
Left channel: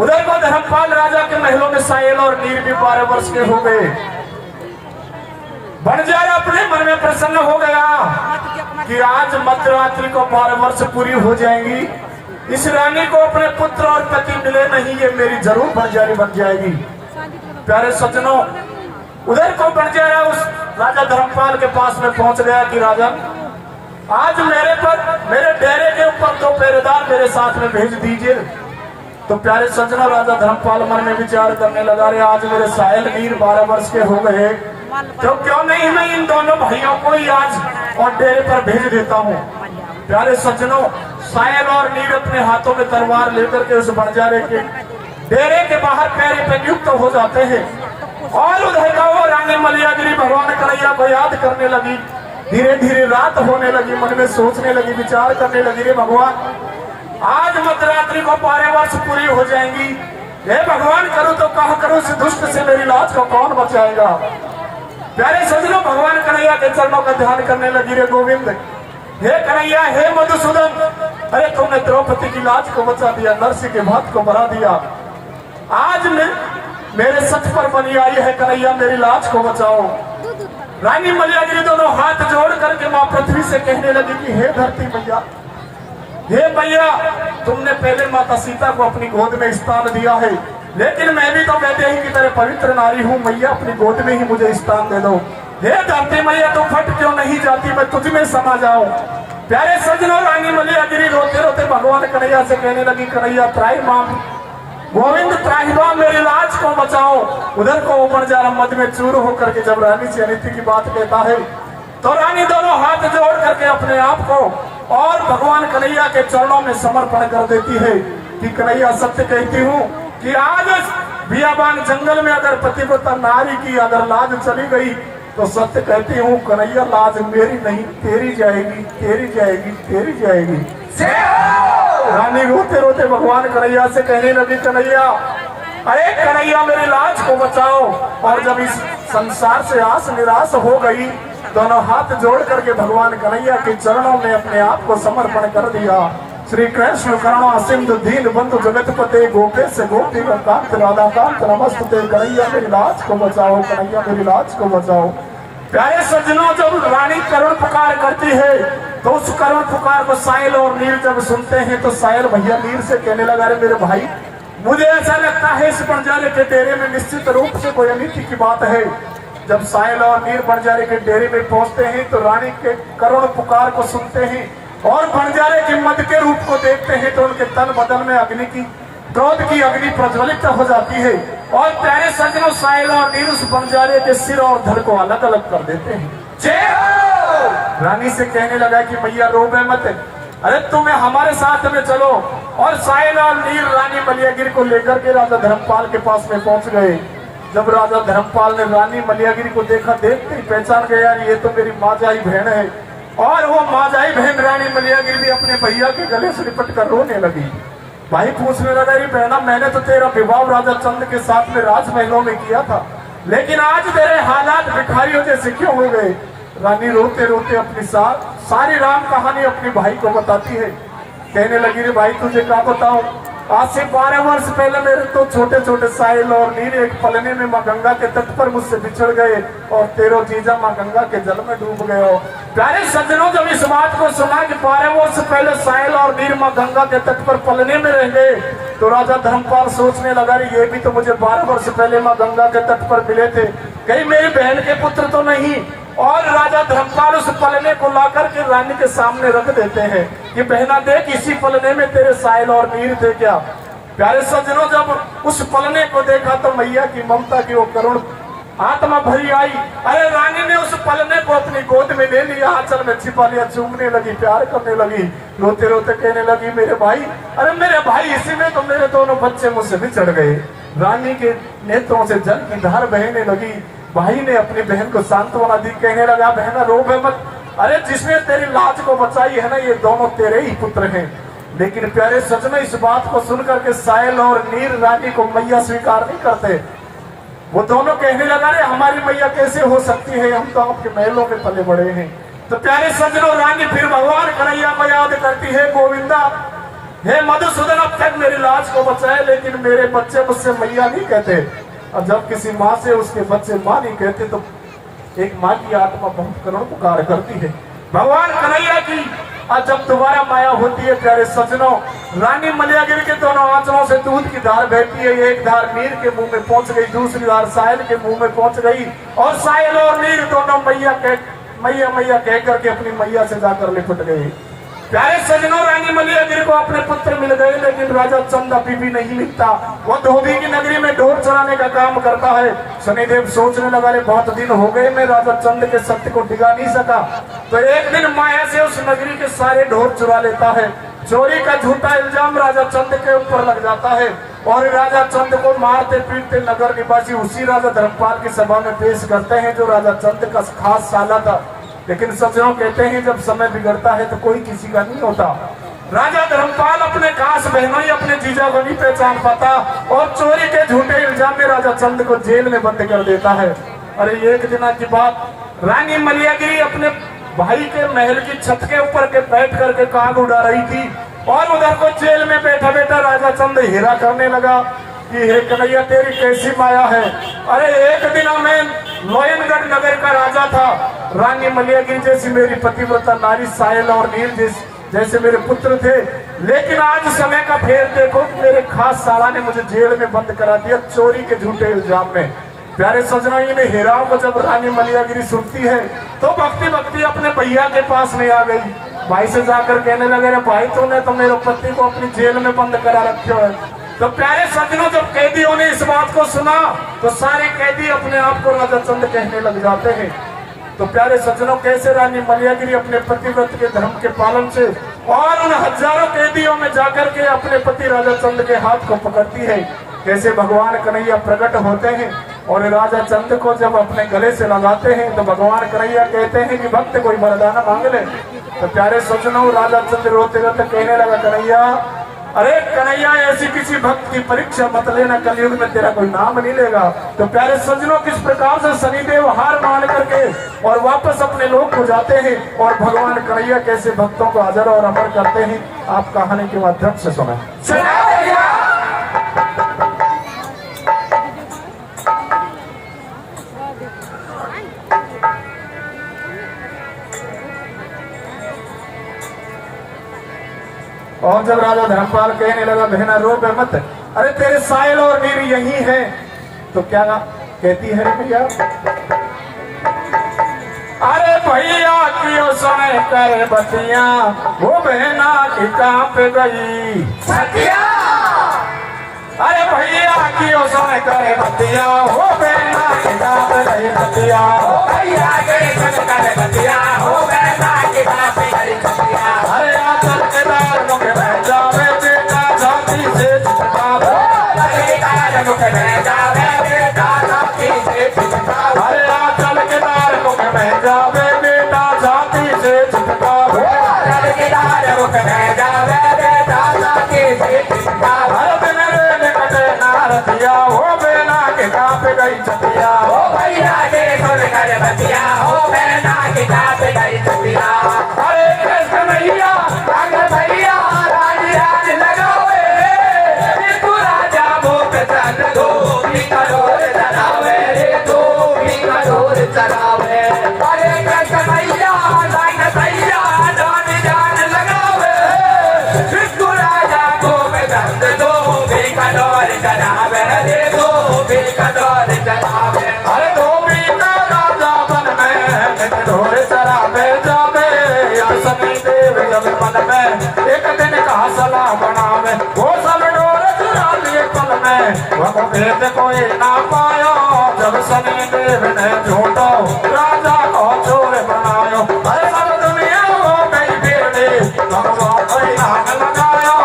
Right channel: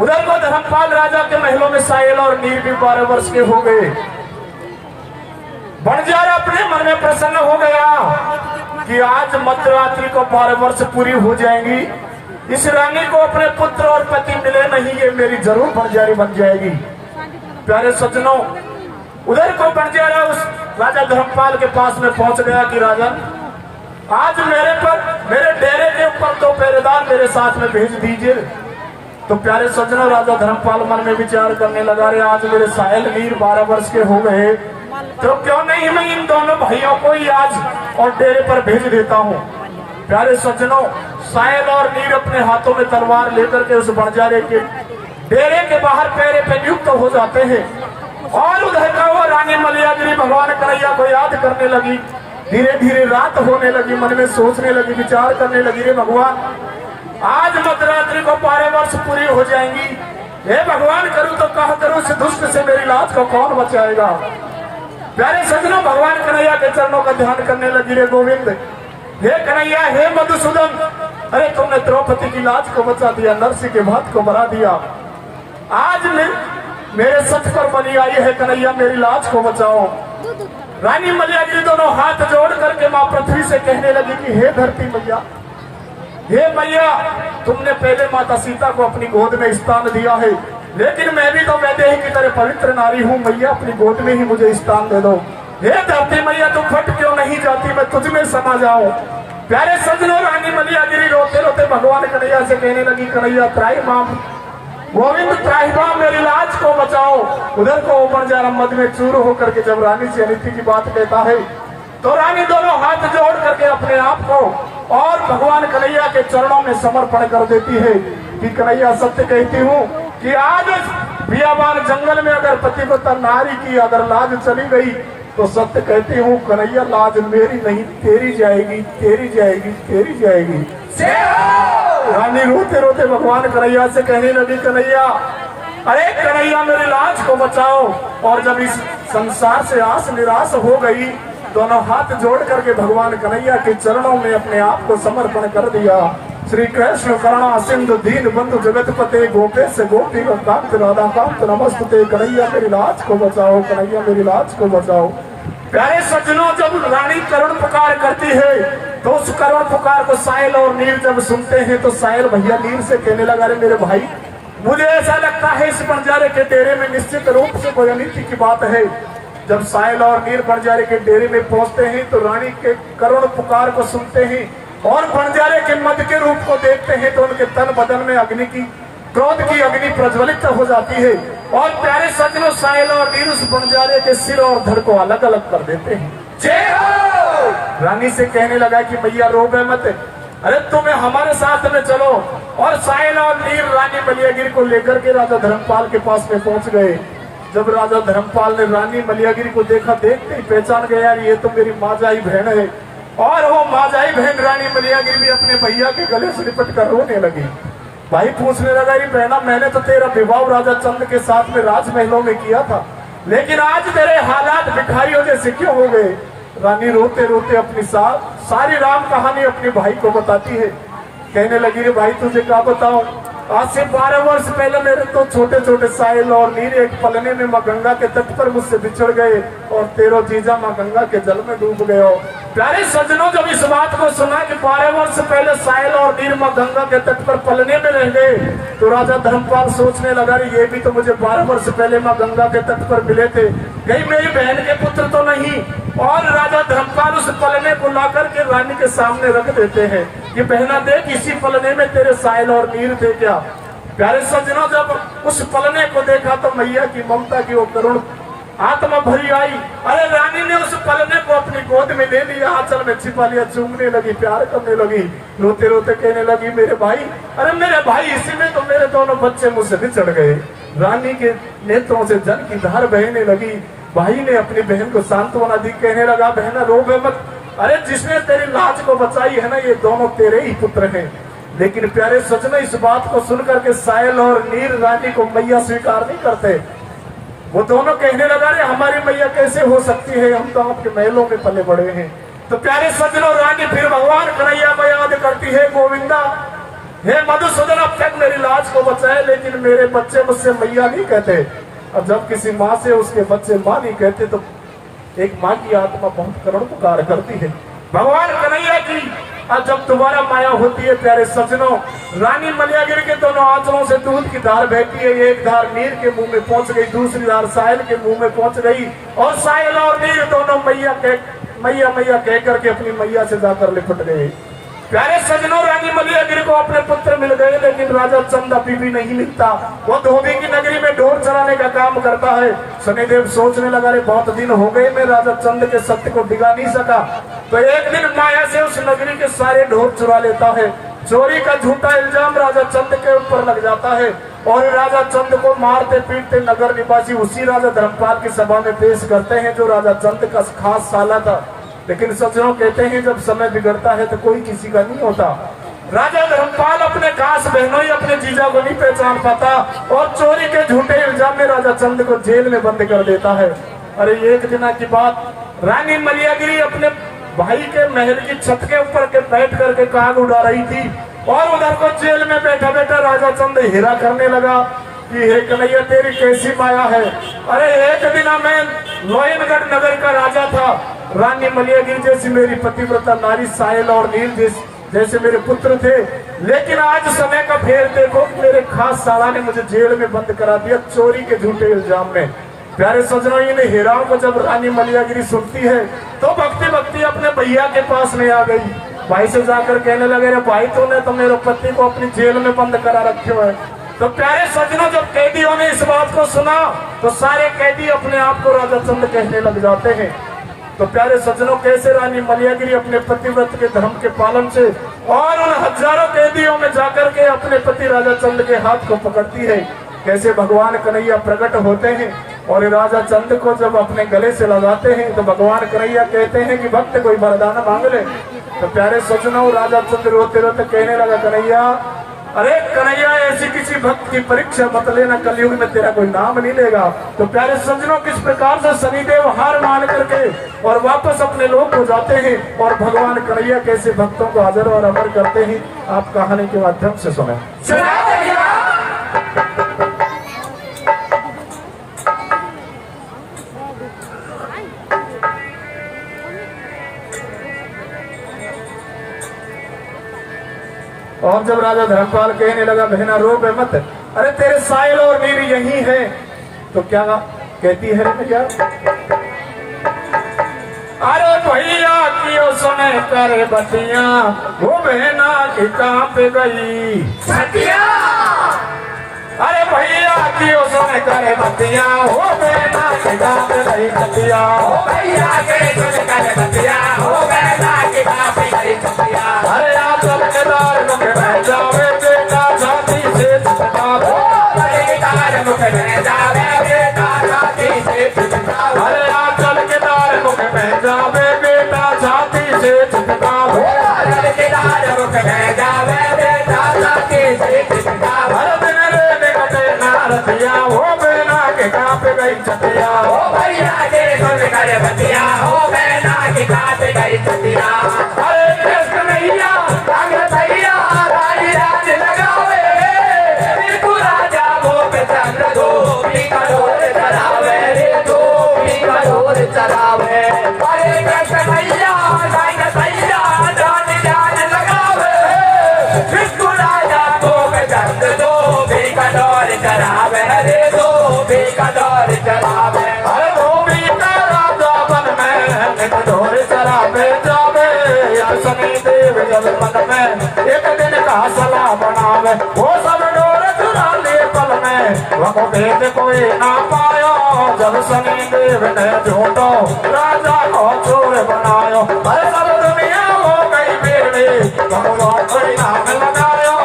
उधर को धर्मपाल राजा के महलों में सायल और नीर भी 12 वर्ष के हो गए बंजारा अपने मन में प्रसन्न हो गया कि आज मध्यरात्रि को 12 वर्ष पूरी हो जाएंगी इस रानी को अपने पुत्र और पति मिले नहीं ये मेरी जरूर बंजारी बन जाएगी प्यारे सज्जनों उधर को बंजारा उस राजा धर्मपाल के पास में पहुंच गया कि राजन आज मेरे डेरे के ऊपर 2 पहरेदार मेरे साथ में भेज दीजिए तो प्यारे सज्जनों राजा धर्मपाल मन में विचार करने लगा रे आज मेरे सायल नीर 12 वर्ष के हो गए तो क्यों नहीं मैं इन दोनों भाइयों को ही आज और डेरे पर भेज देता हूँ प्यारे सज्जनों सायल और नीर अपने हाथों में तलवार लेकर के उस बंजारे के डेरे के बाहर पैरे पे नियुक्त हो जाते हैं और उधर का वो रानी मलियागिरी भगवान कन्हैया को याद करने लगी धीरे धीरे रात होने लगी मन में सोचने लगी विचार करने लगी रे भगवान आज मध्यरात्रि को 12 वर्ष पूरी हो जाएंगी हे भगवान करूं तो कहा करूं इस दुष्ट से मेरी लाज को कौन बचाएगा प्यारे सज्जनों भगवान कन्हैया के चरणों का ध्यान करने लगी रे गोविंद हे कन्हैया हे मधुसूदन अरे तुमने द्रौपदी की लाज को बचा दिया नरसिंह के भात को बढ़ा दिया आज मेरे सच पर बनी आई है कन्हैया मेरी लाज को बचाओ रानी मलियागिरी दोनों हाथ जोड़ करके माँ पृथ्वी से कहने लगी कि हे धरती मैया हे मैया तुमने पहले माता सीता को अपनी गोद में स्थान दिया है लेकिन मैं भी तो वैदेही की तरह पवित्र नारी हूँ मैया अपनी गोद में ही मुझे स्थान दे दो हे धरती मैया तुम फट क्यों नहीं जाती मैं तुझ में समा जाऊं प्यारे सज्जनों रानी मलियागिरी रोते रोते भगवान कन्हैया से कहने लगी कन्हैया त्राही माम गोविंद त्राही माम मेरी लाज को बचाओ उधर को ऊपर जा मद में चूर होकर के जब रानी से अनिति की बात लेता है तो रानी दोनों हाथ जोड़ करके अपने आप को और भगवान कन्हैया के चरणों में समर्पण कर देती है कि कन्हैया सत्य कहती हूँ कि आज बियाबान जंगल में अगर पतिव्रता नारी की अगर लाज चली गई तो सत्य कहती हूँ कन्हैया लाज मेरी नहीं तेरी जाएगी तेरी जाएगी तेरी जाएगी रानी रोते रोते भगवान कन्हैया से कहने लगी, कन्हैया, अरे कन्हैया मेरी लाज को बचाओ। और जब इस संसार से आस निराश हो गई, दोनों हाथ जोड़ करके भगवान कन्हैया के चरणों में अपने आप को समर्पण कर दिया। श्री कृष्ण करुणा सिंधु दीन बंधु जगतपते गोपेश गोपी कांत राधा कांत नमस्ते। कन्हैया मेरी लाज को बचाओ, कन्हैया मेरी लाज को बचाओ। प्यारे सज्जनों, जब रानी करुण पुकार करती है तो उस करुण पुकार को साहिल और नीर जब सुनते हैं तो साहिल भैया नीर से कहने लगा, अरे मेरे भाई, मुझे ऐसा लगता है इस बंजारे के डेरे में निश्चित रूप से कोई अनिति की बात है। जब साहिल और नीर बंजारे के डेरे में पहुंचते हैं तो रानी के करुण पुकार को सुनते हैं और बंजारे के मद के रूप को देखते हैं तो उनके तन बदन में अग्नि की, क्रोध की अग्नि प्रज्वलित हो जाती है। और प्यारे सज्जनों, साहिल और नीर उस बंजारे के सिर और धड़ को अलग अलग कर देते हैं। रानी से कहने लगा कि भैया रोबे मत, अरे तुम्हें हमारे साथ में चलो। और साहिल और नीर रानी मलियागिरी को लेकर के राजा धर्मपाल के पास में पहुंच गए। जब राजा धर्मपाल ने रानी मलियागिरी को देखा, देखते ही पहचान गया, यार ये तो मेरी माजाई बहन है। और वो माजाई बहन रानी मलियागिरी भी अपने भैया के गले से लिपट कर रोने लगी। भाई पूछने लगा, अरे बहना, मैंने तो तेरा विवाह राजा चंद के साथ में राजमहलों में किया था, लेकिन आज तेरे हालात भिखारियों जैसे क्यों हो गए। रानी रोते रोते अपनी सारी राम कहानी अपने भाई को बताती है। कहने लगी, रे भाई तुझे क्या बताऊं, आज से 12 वर्ष पहले मेरे तो छोटे छोटे साहिल और नीर एक पलने में माँ गंगा के तट पर मुझसे बिछड़ गए और तेरो जीजा माँ गंगा के जल में डूब गए हो। प्यारे सज्जनों, जब इस बात को सुना कि 12 वर्ष पहले साहिल और नीर माँ गंगा के तट पर पलने में रह गए तो राजा धर्मपाल सोचने लगा, ये भी तो मुझे 12 वर्ष पहले माँ गंगा के तट पर मिले थे, कहीं मेरी बहन के पुत्र तो नहीं। और राजा धर्मपाल उस पलने को लाकर के रानी के सामने रख देते हैं कि बहना देख, इसी पलने में तेरे साहिल और नीर थे क्या। प्यारे सज्जनों, जब उस पलने को देखा तो मैया की ममता की वो करुण आत्मा भरी आई। अरे रानी ने उस पलने को अपनी गोद में ले लिया, आंचल में छिपा लिया, चूमने लगी, प्यार करने लगी, रोते रोते कहने लगी, मेरे भाई, अरे मेरे भाई, इसी में तो मेरे दोनों बच्चे मुझसे बिछड़ गए। रानी के नेत्रों से जल की धार बहने लगी। भाई ने अपनी बहन को सांत्वना दी, कहने लगा, बहना रोबे मत, अरे जिसने तेरी लाज को बचाई है ना, ये दोनों तेरे ही पुत्र हैं। लेकिन प्यारे सज्जनों, इस बात को सुनकर के साहिल और नीर रानी को मैया स्वीकार नहीं करते। वो दोनों कहने लगा, रे हमारी मैया कैसे हो सकती है, हम तो आपके महलों में पले बड़े हैं। तो प्यारे सज्जनों, रानी फिर भगवान कन्हैया को याद करती है, गोविंदा, हे मधुसूदन, अब तक मेरी लाज को बचाए, लेकिन मेरे बच्चे मुझसे मैया नहीं कहते। और जब किसी माँ से उसके बच्चे माँ नहीं कहते तो एक माँ की आत्मा बहुत करुण पुकार करती है। भगवान कन्हैया की जब दोबारा माया होती है, प्यारे सज्जनों, रानी मलियागिरी के दोनों आंचलों से दूध की धार बहती है। एक धार नीर के मुंह में पहुंच गई, दूसरी धार साहिल के मुंह में पहुंच गई। और साहिल और नीर दोनों मैया मैया कह करके अपनी मैया से जाकर लिपट गए। प्यारे सज्जनों, रानी मलियागिरी को अपने पुत्र मिल गए, लेकिन राजा चंद अभी भी नहीं मिलता। वो धोबी की नगरी में ढोर चराने का काम करता है। शनिदेव सोचने लगा, रे बहुत दिन हो गए मैं राजा चंद के सत्य को डिगा नहीं सका, तो एक दिन माया से उस नगरी के सारे ढोर चुरा लेता है। चोरी का झूठा इल्जाम राजा चंद के ऊपर लग जाता है और राजा चंद को मारते पीटते नगर निवासी उसी राजा धर्मपाल की सभा में पेश करते हैं, जो राजा चंद का खास साला था। लेकिन सज्जनों, कहते हैं जब समय बिगड़ता है तो कोई किसी का नहीं होता। राजा धर्मपाल अपने खास बहनों ही अपने जीजा को नहीं पहचान पाता और चोरी के झूठे इल्जाम में राजा चंद को जेल में बंद कर देता है। अरे एक दिन की बात, रानी मलियागिरी अपने भाई के महल की छत के ऊपर के बैठ करके काग उड़ा रही थी और उधर को जेल में बैठा बैठा राजा चंद हीरा करने लगा कि हे कन्हैया, तेरी कैसी माया है। अरे एक दिन मैं लोयनगढ़ नगर का राजा था, रानी मलियागिरी जैसी मेरी पतिव्रता नारी साहिल और नीर जैसे मेरे पुत्र थे, लेकिन आज समय का फेर देखो कि मेरे खास साला ने मुझे जेल में बंद करा दिया चोरी के झूठे इल्जाम में। प्यारे सज्जनों, इन हीराओं को जब रानी मलियागिरी सुनती है तो भक्ति भक्ति अपने भैया के पास में आ गई। भाई से जाकर कहने लगे, रे भाई, तूने तो मेरे पति को अपनी जेल में बंद करा रखे है। तो प्यारे सज्जनों, जब कैदियों ने इस बात को सुना तो सारे कैदी अपने आप को राजा चंद कहने लग जाते हैं। तो प्यारे सज्जनों, कैसे रानी मलियागिरी अपने पतिव्रत के धर्म के पालन से और उन हजारों कैदियों में जाकर के अपने पति राजा चंद के हाथ को पकड़ती है, कैसे भगवान कन्हैया प्रकट होते हैं और राजा चंद को जब अपने गले से लगाते हैं तो भगवान कन्हैया कहते हैं कि भक्त कोई वरदान मांग ले। तो प्यारे सज्जनों, राजा चंद रोते रोते कहने लगा, कन्हैया, अरे कन्हैया, ऐसी किसी भक्त की परीक्षा मत लेना, कलयुग में तेरा कोई नाम नहीं लेगा। तो प्यारे सज्जनों, किस प्रकार से शनिदेव हार मान करके और वापस अपने लोक को जाते हैं और भगवान कन्हैया कैसे भक्तों को अजर और अमर करते हैं, आप कहानी के माध्यम से सुने। और जब राजा धर्मपाल कहने लगा, बहना रो बे मत, अरे तेरे साहिल और नीरी यही है, तो क्या कहती है भैया, अरे भैया क्यों समय कर बतिया, वो बहना की कहाँ पे गई सतिया। अरे भैया क्यों समय कर बतिया, वो बहना की कहाँ पे गई सतिया। भैया के समय कर बतिया, वो बहना की कहाँ पे गई सतिया। अरे आचल के दार मुख बह जावे, बेटा छाती से चिपकावे। अरे दार मुख बह जावे, बेटा छाती से चिपकावे। अरे आचल के दार मुख बह जावे, बेटा छाती से चिपकावे। आचल के दार मुख बह जावे, बेटा छाती से चिपकावे। अरे बिन रे निकटे नारदिया, वो बेना के कहाँ पे गई छतिया। ओ भैया के सुन कर बतिया, हो बेना के कहाँ पे गई छतिया। अरे कृष्ण भैया, अगर भैया राई राज लगावे, रे तू राजा भोग चंद गोपी करोड़ चरावे, रे गोपी करोड़ चरावे। अरे कृष्ण भैया, राई भैया जान जान लगावे, रे तू राजा भोग चंद गोपी करोड़ चरावे, रे गोपी करोड़ चरावे। अरे गोपी का राजा बन में करोड़ चरावे जावे, शनिदेव जब मन में एक दिन का सलाह बनावे, वो सब डोर चुरा लिए पल में, वह भेद कोई ना पायो, जब शनिदेव ने झूठो राजा को चोर बनायो। अरे सब दुनिया हो गई बेड़ी, भगवान कोई नाम लगायो,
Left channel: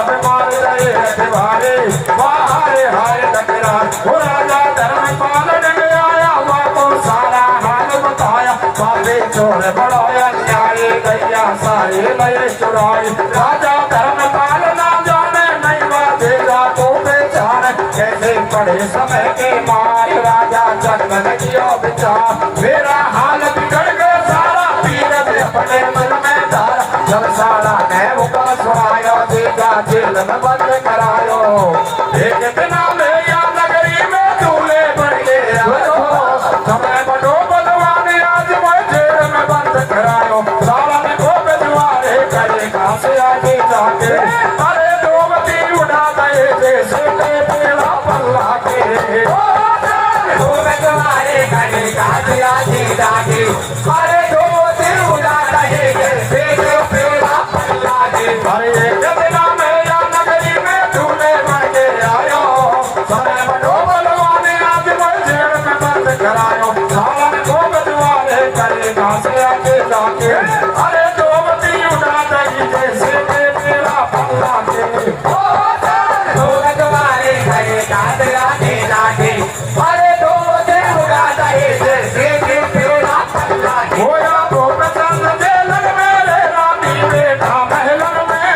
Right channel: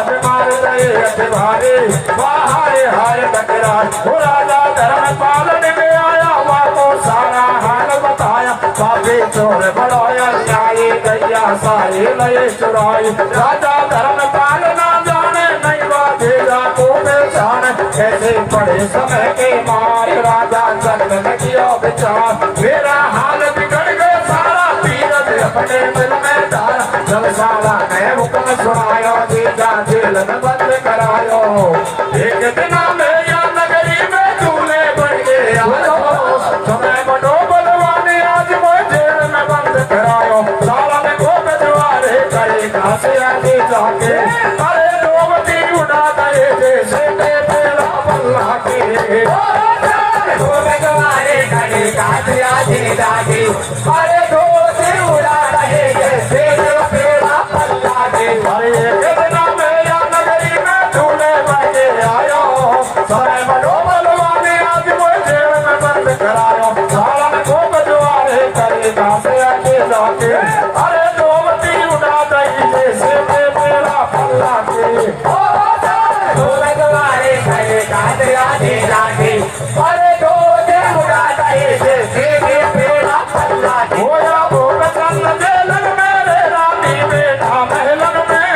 अभिमान रहे अभिमारी बाहर हार टकरा। वो राजा धर्मपाल ने आया, वहाँ को सारा हाल बताया, काफी चोर बढ़ाया, न्यायी गैया सारी लय चुराई। राजा धर्मपाल ना जाने, नहीं बाधेगा को बेचान, कैसे पड़े समय के मार, राजा चंदन किया विचार। मेरा हाल बिगड़ गया सारा, पीरत अपने मन में धारा, जब सारा मैं हुक्म सुनायो, दीजा जेल में बंद करायो। एक दिन मेरा नगरी में दूल्हे बढ़ गए आयो, समय बड़ो बलवानी आज वो जेल में बंद करायो। साला में को बेदवारे करे घास आगे जाके, अरे डोबती उड़ा गए जैसे के पेड़ा बल्ला के। वो बेदवारे करे घास आगे जाके, अरे डोबती उड़ा गए जैसे के पेड़ा बल्ला के। अरे एक दिन मेरा नगरी में दूल्हे बढ़ के आयो, समय बड़ो बलवानी आज वो जेल में बंद करायो। साला में को बेदवारे करे घास आगे जाके, अरे डोबती उड़ा गई जैसे के पेड़ा बल्ला के। तो लगवारे गए घास आगे जाके, अरे डोबती उड़ा गई जैसे के पेड़ा बल्ला के। होया भोग चंद जेलन में, रे रानी बेटा महलन में,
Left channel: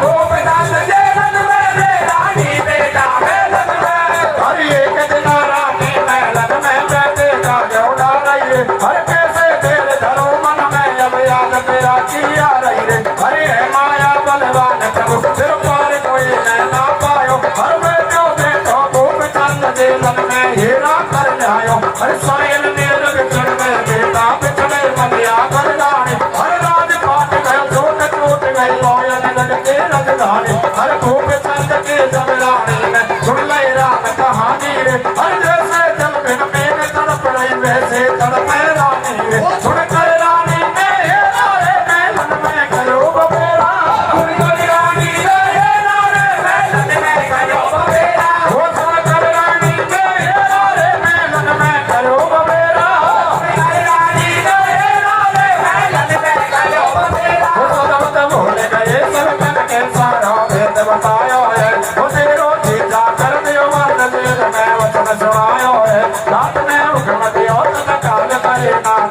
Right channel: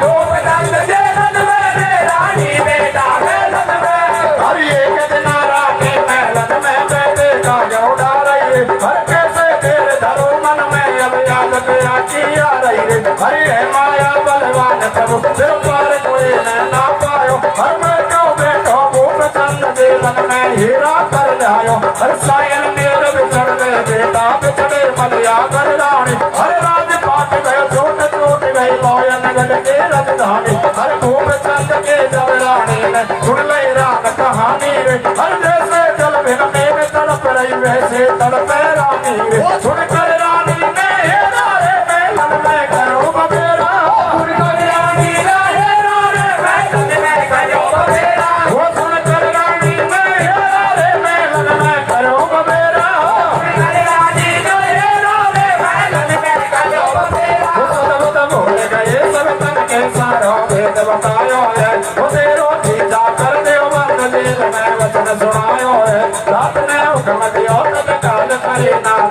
भोग चंद जेलन में, रे रानी बेटा महलन में। हर एक दिन रानी महलन में बैठे जागे उड़ा रही रे, हर कैसे देर धरो मन में, अब याद तेरा किया रही रे। अरे माया बलवान प्रभु, सिर पर कोई ना पायो, हर में क्यों बैठो भूप चंद जेलन में, हीरा कर लायो। हर सायल मेल बिछड़ गए, बेटा बिछड़े मलिया कर रानी, हर राजपाट गए झूठ टूट गई, मोयन गढ़ के राजधानी। हर भूप चंद के जब रानी में सुन लई रात कहानी रे, हर जैसे जल बिन मेघ तड़प रही, वैसे तड़पे रानी रे। सुन कर रानी ने हेरा रे महलन में करो बबेरा, सुन कर रानी ने हेरा रे महलन में करो बबेरा। वो सुन कर रानी ने हेरा रे महलन में करो बबेरा, सुन कर रानी ने हेरा रे महलन में करो बबेरा। वो सब भूल गए सब तन के सारो भेद बतायो है,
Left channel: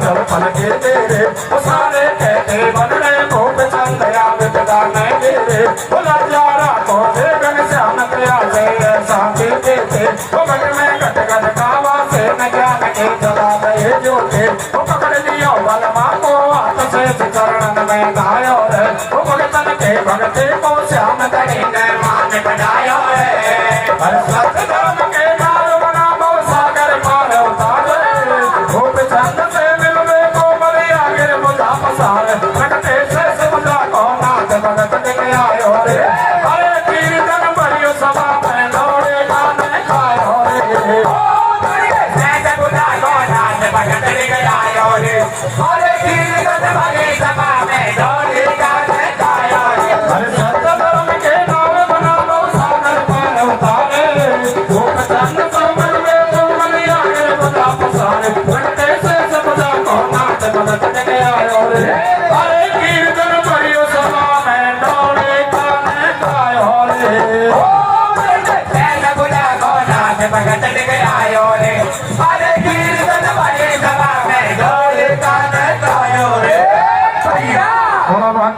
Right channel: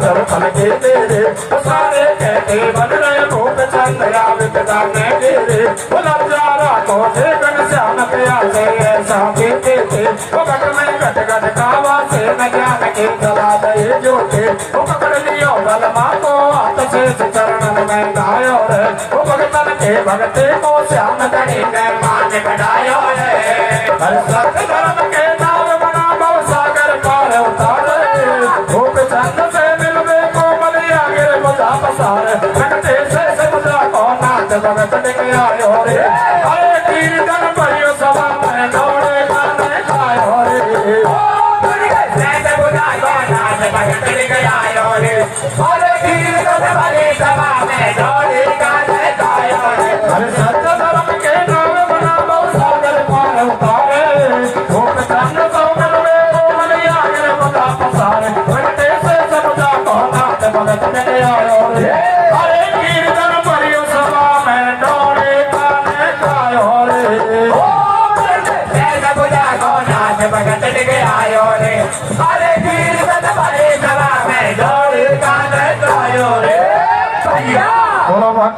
जब पलके तेरे वो सारे कहते बन रहे गोप चंद आवित गाने मेरे वो नजारा को देखन श्याम तेरा जय साथी देते वो घट में घट घट कावा से न ज्ञान के जला गए जोते वो पकड़ लियो बलमा को हाथ से चरणन में गायो रे वो भगतन के भगते को श्याम तड़ी ने मान बनायो रे हर सत धर्म के नाम बना बहु सागर पार उतारे गोप चंद से मिलवे को बलिया गिर मुझा पसार भगते से समुद्रा को नाथ भगत के आयो रे हरे कीर्तन बलियो सभा में दौड़े गाने गायो रे से समुद्रा को नाथ भगत के आयो रे हरे कीर्तन बलियो सभा